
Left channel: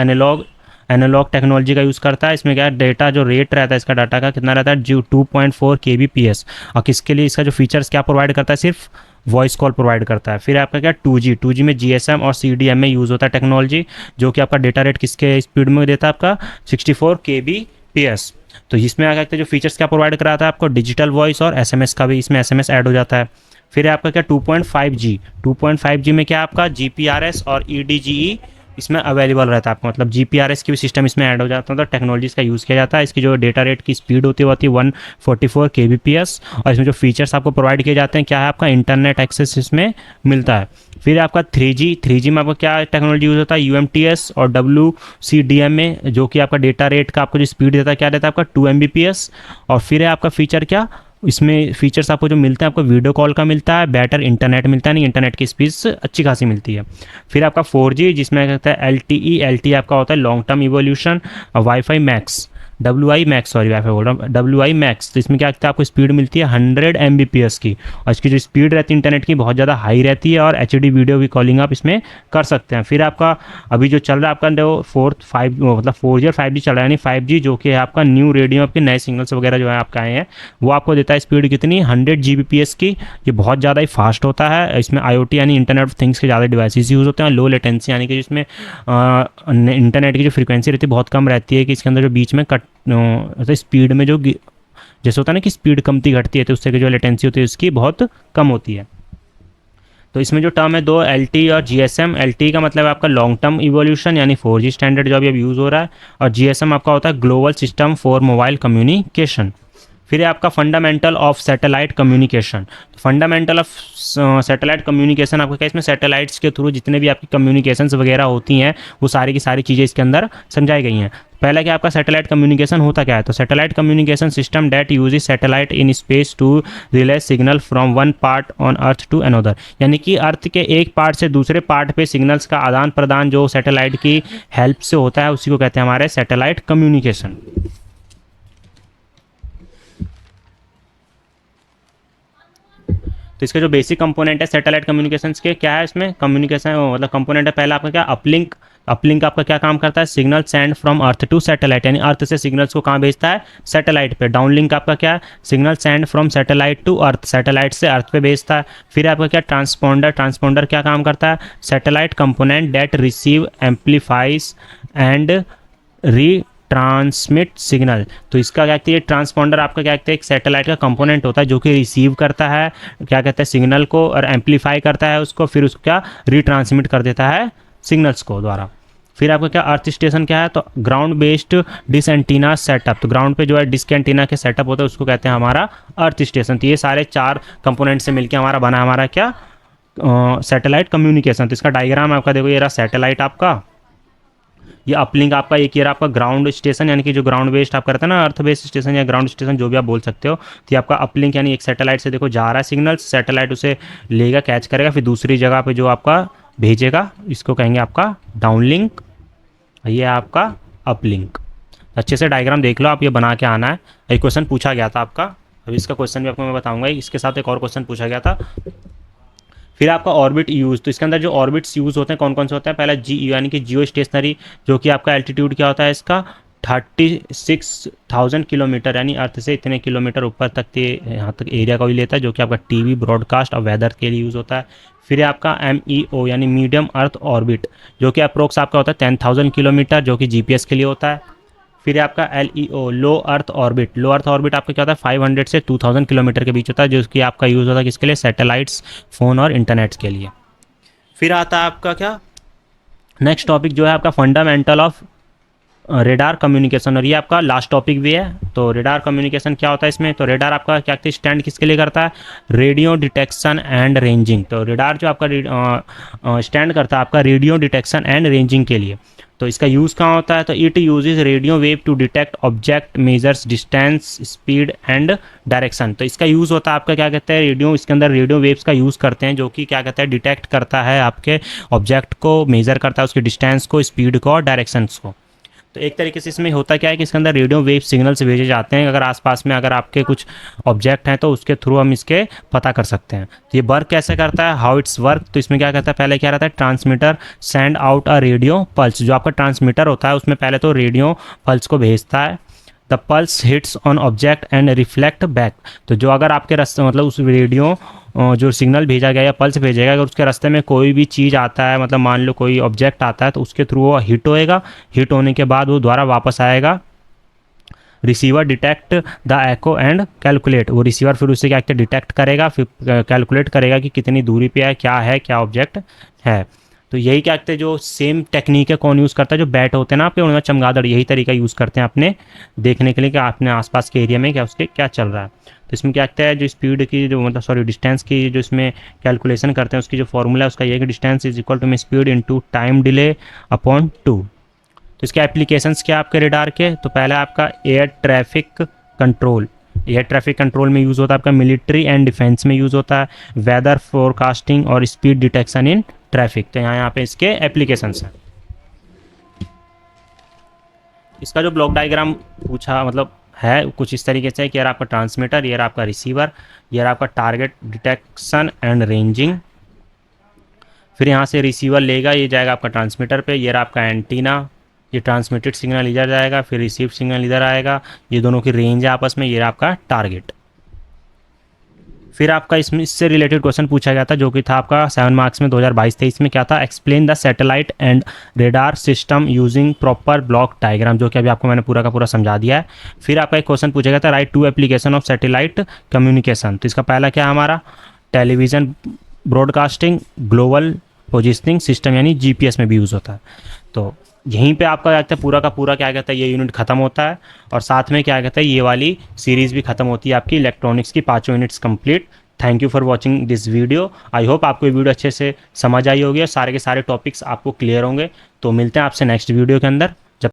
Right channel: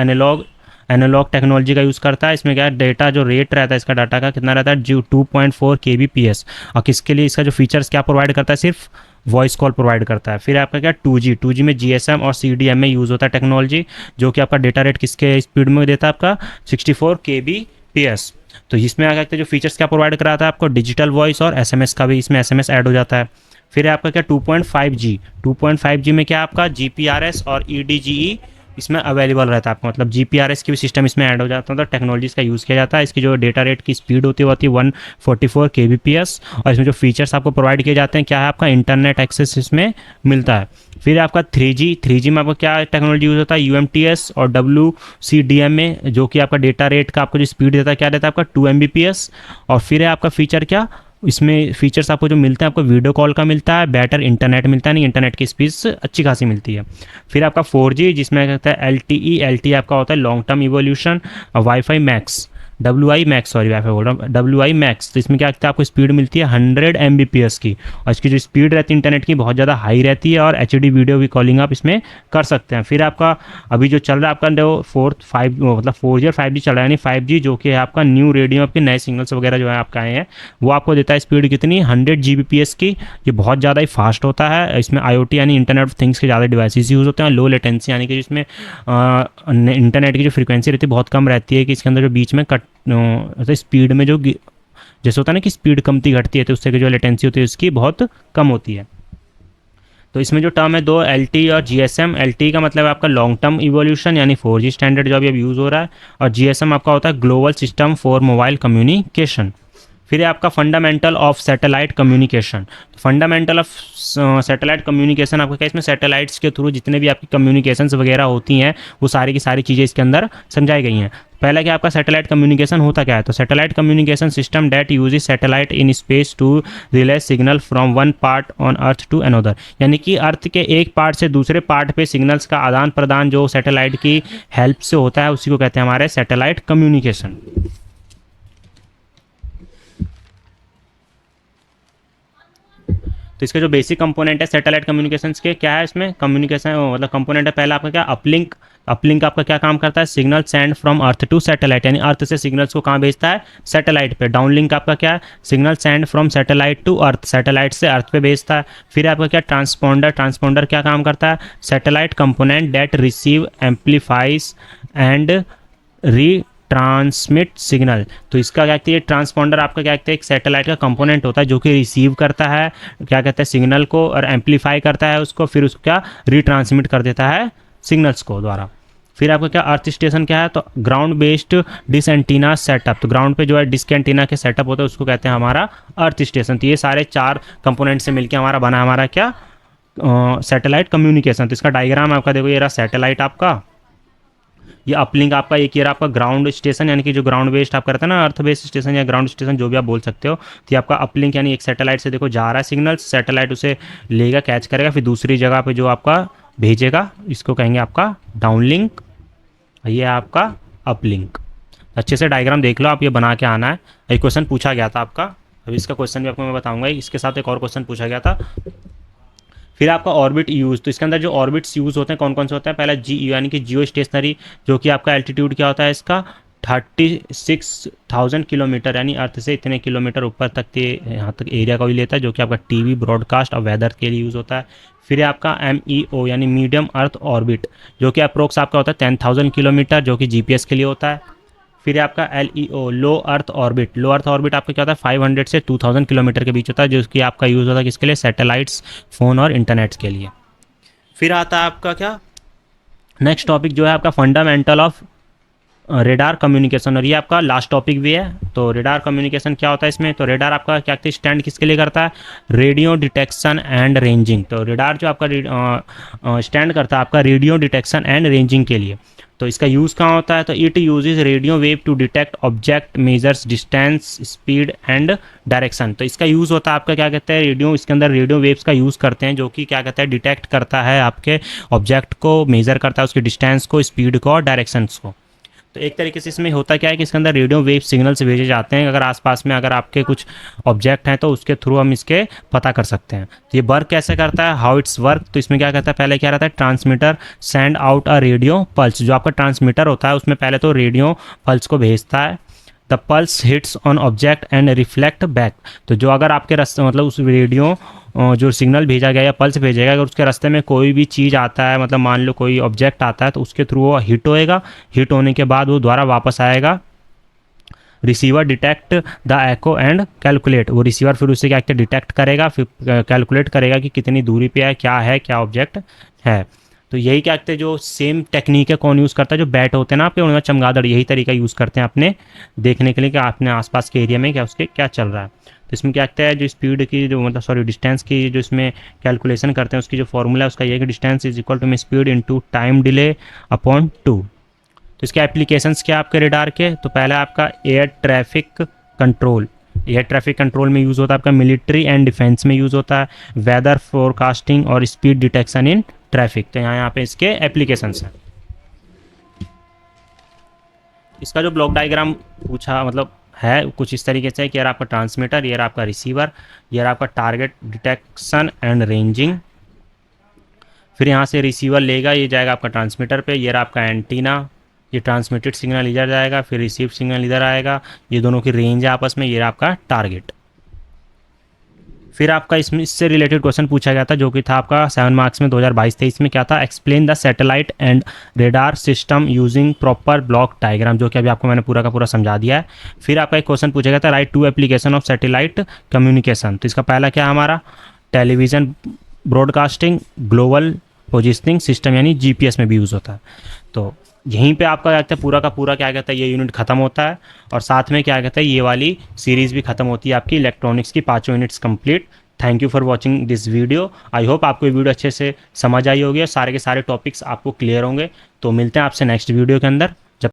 एनालॉग टेक्नोलॉजी का यूज़ करता है। इसमें क्या है, डेटा जो रेट रहता है इसका डाटा का कितना रहता है, जो 2.4 kbps। और किसके लिए इसका जो फीचर्स क्या प्रोवाइड करता है, सिर्फ वॉइस कॉल प्रोवाइड करता है। फिर आपका क्या 2G में GSM और CDM में यूज़ होता है टेक्नोलॉजी, जो कि आपका डेटा रेट किसके स्पीड में देता है, आपका 64 kbps। तो इसमें आ सकते जो फीचर्स क्या प्रोवाइड कराता है आपको, डिजिटल वॉइस और SMS का भी इसमें SMS ऐड हो जाता है। फिर आपका क्या 2.5G में क्या आपका GPRS और EDGE इसमें अवेलेबल रहता है आपको, मतलब GPRS की भी सिस्टम इसमें ऐड हो जाता है, तो टेक्नोलॉजीज का यूज़ किया जाता है। इसकी जो डेटा रेट की स्पीड होती है 144 kbps। और इसमें जो फीचर्स आपको प्रोवाइड किए जाते हैं क्या है, आपका इंटरनेट एक्सेस इसमें मिलता है। फिर आपका 3G में आपको क्या टेक्नोलॉजी यूज होता है, UMTS और WCDM में, जो कि आपका डेटा रेट का आपको जो स्पीड देता है क्या देता है आपका 2 Mbps। और फिर है आपका फीचर क्या, इसमें फीचर्स आपको जो मिलते हैं, आपको वीडियो कॉल का मिलता है, बेटर इंटरनेट मिलता है, नहीं इंटरनेट की स्पीड अच्छी खासी मिलती है। फिर आपका 4G जिसमें कहता है LTE आपका होता है long term evolution, wifi max, WI max, sorry wifi बोल रहा हूँ, WI मैक्स। तो इसमें क्या कहता है, आपको स्पीड मिलती है 100 Mbps की, और इसकी जो स्पीड रहती है इंटरनेट की बहुत ज़्यादा हाई रहती है, और HD वीडियो की कॉलिंग आप इसमें कर सकते हैं। फिर आपका अभी जो चल रहा है आपका जो 4G और 5G चल रहा है, यानी 5G जो कि है आपका न्यू रेडियो आपके नए सिग्नल्स वगैरह जो है आपका आए हैं, वो आपको देता है स्पीड कितनी 100 Gbps की। ये बहुत ज़्यादा ही फास्ट होता है। इसमें IoT यानी इंटरनेट ऑफ थिंग्स के ज़्यादा डिवाइसेस यूज़ होते हैं। लो लेटेंसी यानी कि जिसमें इंटरनेट की जो फ्रीक्वेंसी रहती है बहुत कम रहती है, कि इसके अंदर जो बीच में तो स्पीड में जो जैसे होता है ना कि स्पीड कमती घटती है, तो उससे जो लेटेंसी होती है उसकी बहुत कम होती है। तो इसमें जो टर्म है दो, LTE और GSM। LTE का मतलब है आपका लॉन्ग टर्म इवोल्यूशन यानी 4G स्टैंडर्ड जो अभी यूज़ हो रहा है, और GSM आपका होता है global system for mobile communication. फिर है आपका fundamental of satellite communication. Fundamental of satellite communication आपका क्या, इसमें सैटेलाइट्स के थ्रू जितने भी आपकी कम्युनिकेशंस वगैरह होती हैं वो सारी की सारी चीज़ें इसके अंदर समझाई गई हैं। पहला क्या आपका सैटेलाइट कम्युनिकेशन होता क्या है, तो satellite communication system that uses satellite in space to relay signal from one part on earth to another. यानी कि अर्थ के एक पार्ट से दूसरे पार्ट पे सिग्नल्स का आदान प्रदान जो सैटेलाइट की हेल्प से होता है उसी को कहते हैं हमारे सैटेलाइट कम्युनिकेशन। तो इसके जो बेसिक कंपोनेंट है सैटेलाइट कम्युनिकेशंस के क्या है, इसमें कम्युनिकेशन मतलब कंपोनेंट है पहला आपका क्या, अपलिंक। अपलिंक आपका क्या काम करता है, signal send from earth to satellite, यानी अर्थ से सिग्नल्स को कहाँ भेजता है, सैटेलाइट पे। डाउनलिंक आपका क्या है, signal send from satellite to earth, satellite से अर्थ पे भेजता है। फिर आपका क्या, ट्रांसपोंडर। ट्रांसपोंडर क्या काम करता है, satellite component that receive amplifies and re transmit signal. तो इसका क्या कहते हैं, ट्रांसपोंडर आपका क्या कहते हैं, एक सैटेलाइट का कंपोनेंट होता है जो कि रिसीव करता है क्या कहते हैं सिग्नल को, और एम्पलीफाई करता है उसको, फिर उसको क्या रीट्रांसमिट कर देता है सिग्नल्स को द्वारा। फिर आपका क्या, अर्थ स्टेशन क्या है, तो ground based dish antenna setup. तो ग्राउंड पे जो है डिस्क एंटीना के सेटअप होता है उसको कहते हैं हमारा अर्थ स्टेशन। तो ये सारे चार कंपोनेंट से मिलकर हमारा बना हमारा क्या, सैटेलाइट कम्युनिकेशन। तो इसका डायग्राम आपका देखो, ये रहा सैटेलाइट आपका, ये अपलिंक आपका, एक ये आपका ग्राउंड स्टेशन, यानी कि जो ग्राउंड बेस्ड आप करते हैं ना, अर्थ बेस्ड स्टेशन या ग्राउंड स्टेशन जो भी आप बोल सकते हो। तो ये आपका अपलिंक यानी एक सैटेलाइट से देखो जा रहा है सिग्नल, सैटेलाइट उसे लेगा, कैच करेगा, फिर दूसरी जगह पे जो आपका भेजेगा इसको कहेंगे आपका डाउनलिंक, ये आपका अपलिंक। अच्छे से डायग्राम देख लो आप, ये बना के आना है। एक क्वेश्चन पूछा गया था आपका, अभी इसका क्वेश्चन भी आपको मैं बताऊंगा, इसके साथ एक और क्वेश्चन पूछा गया था। फिर आपका ऑर्बिट यूज, तो इसके अंदर जो ऑर्बिट्स यूज होते हैं कौन कौन से होते हैं, पहला जी यानी कि जियो स्टेशनरी, जो कि आपका एल्टीट्यूड क्या होता है इसका 36,000 किलोमीटर, यानी अर्थ से इतने किलोमीटर ऊपर तक के यहाँ तक एरिया का भी लेता है, जो कि आपका टीवी ब्रॉडकास्ट और वेदर के लिए यूज़ होता है। फिर आपका MEO यानी मीडियम अर्थ ऑर्बिट, जो कि अप्रोक्स आपका होता है 10,000 किलोमीटर, जो कि GPS के लिए होता है। फिर आपका LEO लो अर्थ ऑर्बिट, लो अर्थ ऑर्बिट आपका क्या होता है 500 से 2000 किलोमीटर के बीच होता है, जो कि आपका यूज़ होता है किसके लिए, सैटेलाइट्स, फ़ोन और इंटरनेट के लिए। फिर आता है आपका क्या, नेक्स्ट टॉपिक जो है आपका फंडामेंटल ऑफ रेडार कम्युनिकेशन, और ये आपका लास्ट टॉपिक भी है। तो रेडार कम्युनिकेशन क्या होता है इसमें, तो रेडार आपका क्या स्टैंड किसके लिए करता है, रेडियो डिटेक्शन एंड रेंजिंग। तो रेडार जो आपका स्टैंड करता है आपका रेडियो डिटेक्शन एंड रेंजिंग के लिए। तो इसका यूज़ कहाँ होता है, तो it uses radio wave to detect object, measures distance, speed and direction. तो इसका यूज़ होता है आपका क्या कहते हैं रेडियो, इसके अंदर रेडियो वेव्स का यूज़ करते हैं, जो कि क्या कहते हैं डिटेक्ट करता है आपके ऑब्जेक्ट को, मेजर करता है उसके डिस्टेंस को, स्पीड को और डायरेक्शंस को। तो एक तरीके से इसमें होता क्या है कि इसके अंदर रेडियो वेव सिग्नल्स भेजे जाते हैं, अगर आसपास में अगर आपके कुछ ऑब्जेक्ट हैं तो उसके थ्रू हम इसके पता कर सकते हैं। तो ये वर्क कैसे करता है, हाउ इट्स वर्क, तो इसमें क्या कहता है, पहले क्या रहता है, transmitter send out a radio pulse. जो आपका ट्रांसमीटर होता है उसमें पहले तो रेडियो पल्स को भेजता है। The pulse hits on object and reflect back. तो जो अगर आपके रास्ते मतलब उस रेडियो जो सिग्नल भेजा गया या पल्स भेजेगा, अगर उसके रास्ते में कोई भी चीज़ आता है, मतलब मान लो कोई ऑब्जेक्ट आता है, तो उसके थ्रू वो हिट होएगा, हिट होने के बाद वो दोबारा वापस आएगा। Receiver detect the echo and calculate. वो रिसीवर फिर उससे क्या डिटेक्ट करेगा, फिर कैलकुलेट करेगा कि कितनी दूरी पे है, क्या ऑब्जेक्ट है। तो यही क्या कहते हैं, जो सेम टेक्निक है कौन यूज़ करता है, जो बैट होते हैं ना आपके उनमें चमगादड़, यही तरीका यूज़ करते हैं अपने देखने के लिए कि अपने आसपास के एरिया में क्या उसके क्या चल रहा है। तो इसमें क्या कहता है, जो स्पीड की जो मतलब सॉरी डिस्टेंस की जो इसमें कैलकुलेशन करते हैं, उसकी जो फॉर्मूला है उसका ये कि डिस्टेंस इज इक्वल टू में speed into time delay upon 2। तो इसके एप्लीकेशंस क्या आपके रेडार के, तो पहला आपका air traffic control. Air traffic control में यूज़ होता है आपका मिलिट्री एंड डिफेंस में यूज़ होता है, वेदर फोरकास्टिंग और स्पीड डिटेक्शन इन ट्रैफिक। तो यहाँ पे इसके एप्लीकेशंस हैं। इसका जो ब्लॉक डायग्राम पूछा मतलब है कुछ इस तरीके से कि यार आपका ट्रांसमीटर, ये आपका रिसीवर, ये आपका टारगेट डिटेक्शन एंड रेंजिंग। फिर यहाँ से रिसीवर लेगा, ये जाएगा आपका ट्रांसमीटर पे, ये आपका एंटीना, ये ट्रांसमिटेड सिग्नल इधर जाएगा, फिर रिसीव सिग्नल इधर आएगा, ये दोनों की रेंज है आपस में, ये आपका टारगेट। फिर आपका इसमें इससे रिलेटेड क्वेश्चन पूछा गया था जो कि था आपका 7 मार्क्स में 2022-23 में, क्या था, explain the satellite and radar system using proper block diagram, जो कि अभी आपको मैंने पूरा का पूरा समझा दिया है। फिर आपका एक क्वेश्चन पूछा गया था, right 2 application of satellite communication. तो इसका पहला क्या हमारा television broadcasting global positioning system, यानी जीपीएस में भी यूज़ होता है। तो यहीं पे आपका क्या कहते हैं पूरा का पूरा क्या कहता है ये यूनिट खत्म होता है, और साथ में क्या कहते हैं ये वाली सीरीज़ भी खत्म होती है आपकी इलेक्ट्रॉनिक्स की 5 units complete. Thank you for watching this video. I hope आपको ये वीडियो अच्छे से समझ आई होगी और सारे के सारे टॉपिक्स आपको क्लियर होंगे। तो मिलते हैं आपसे नेक्स्ट वीडियो के अंदर।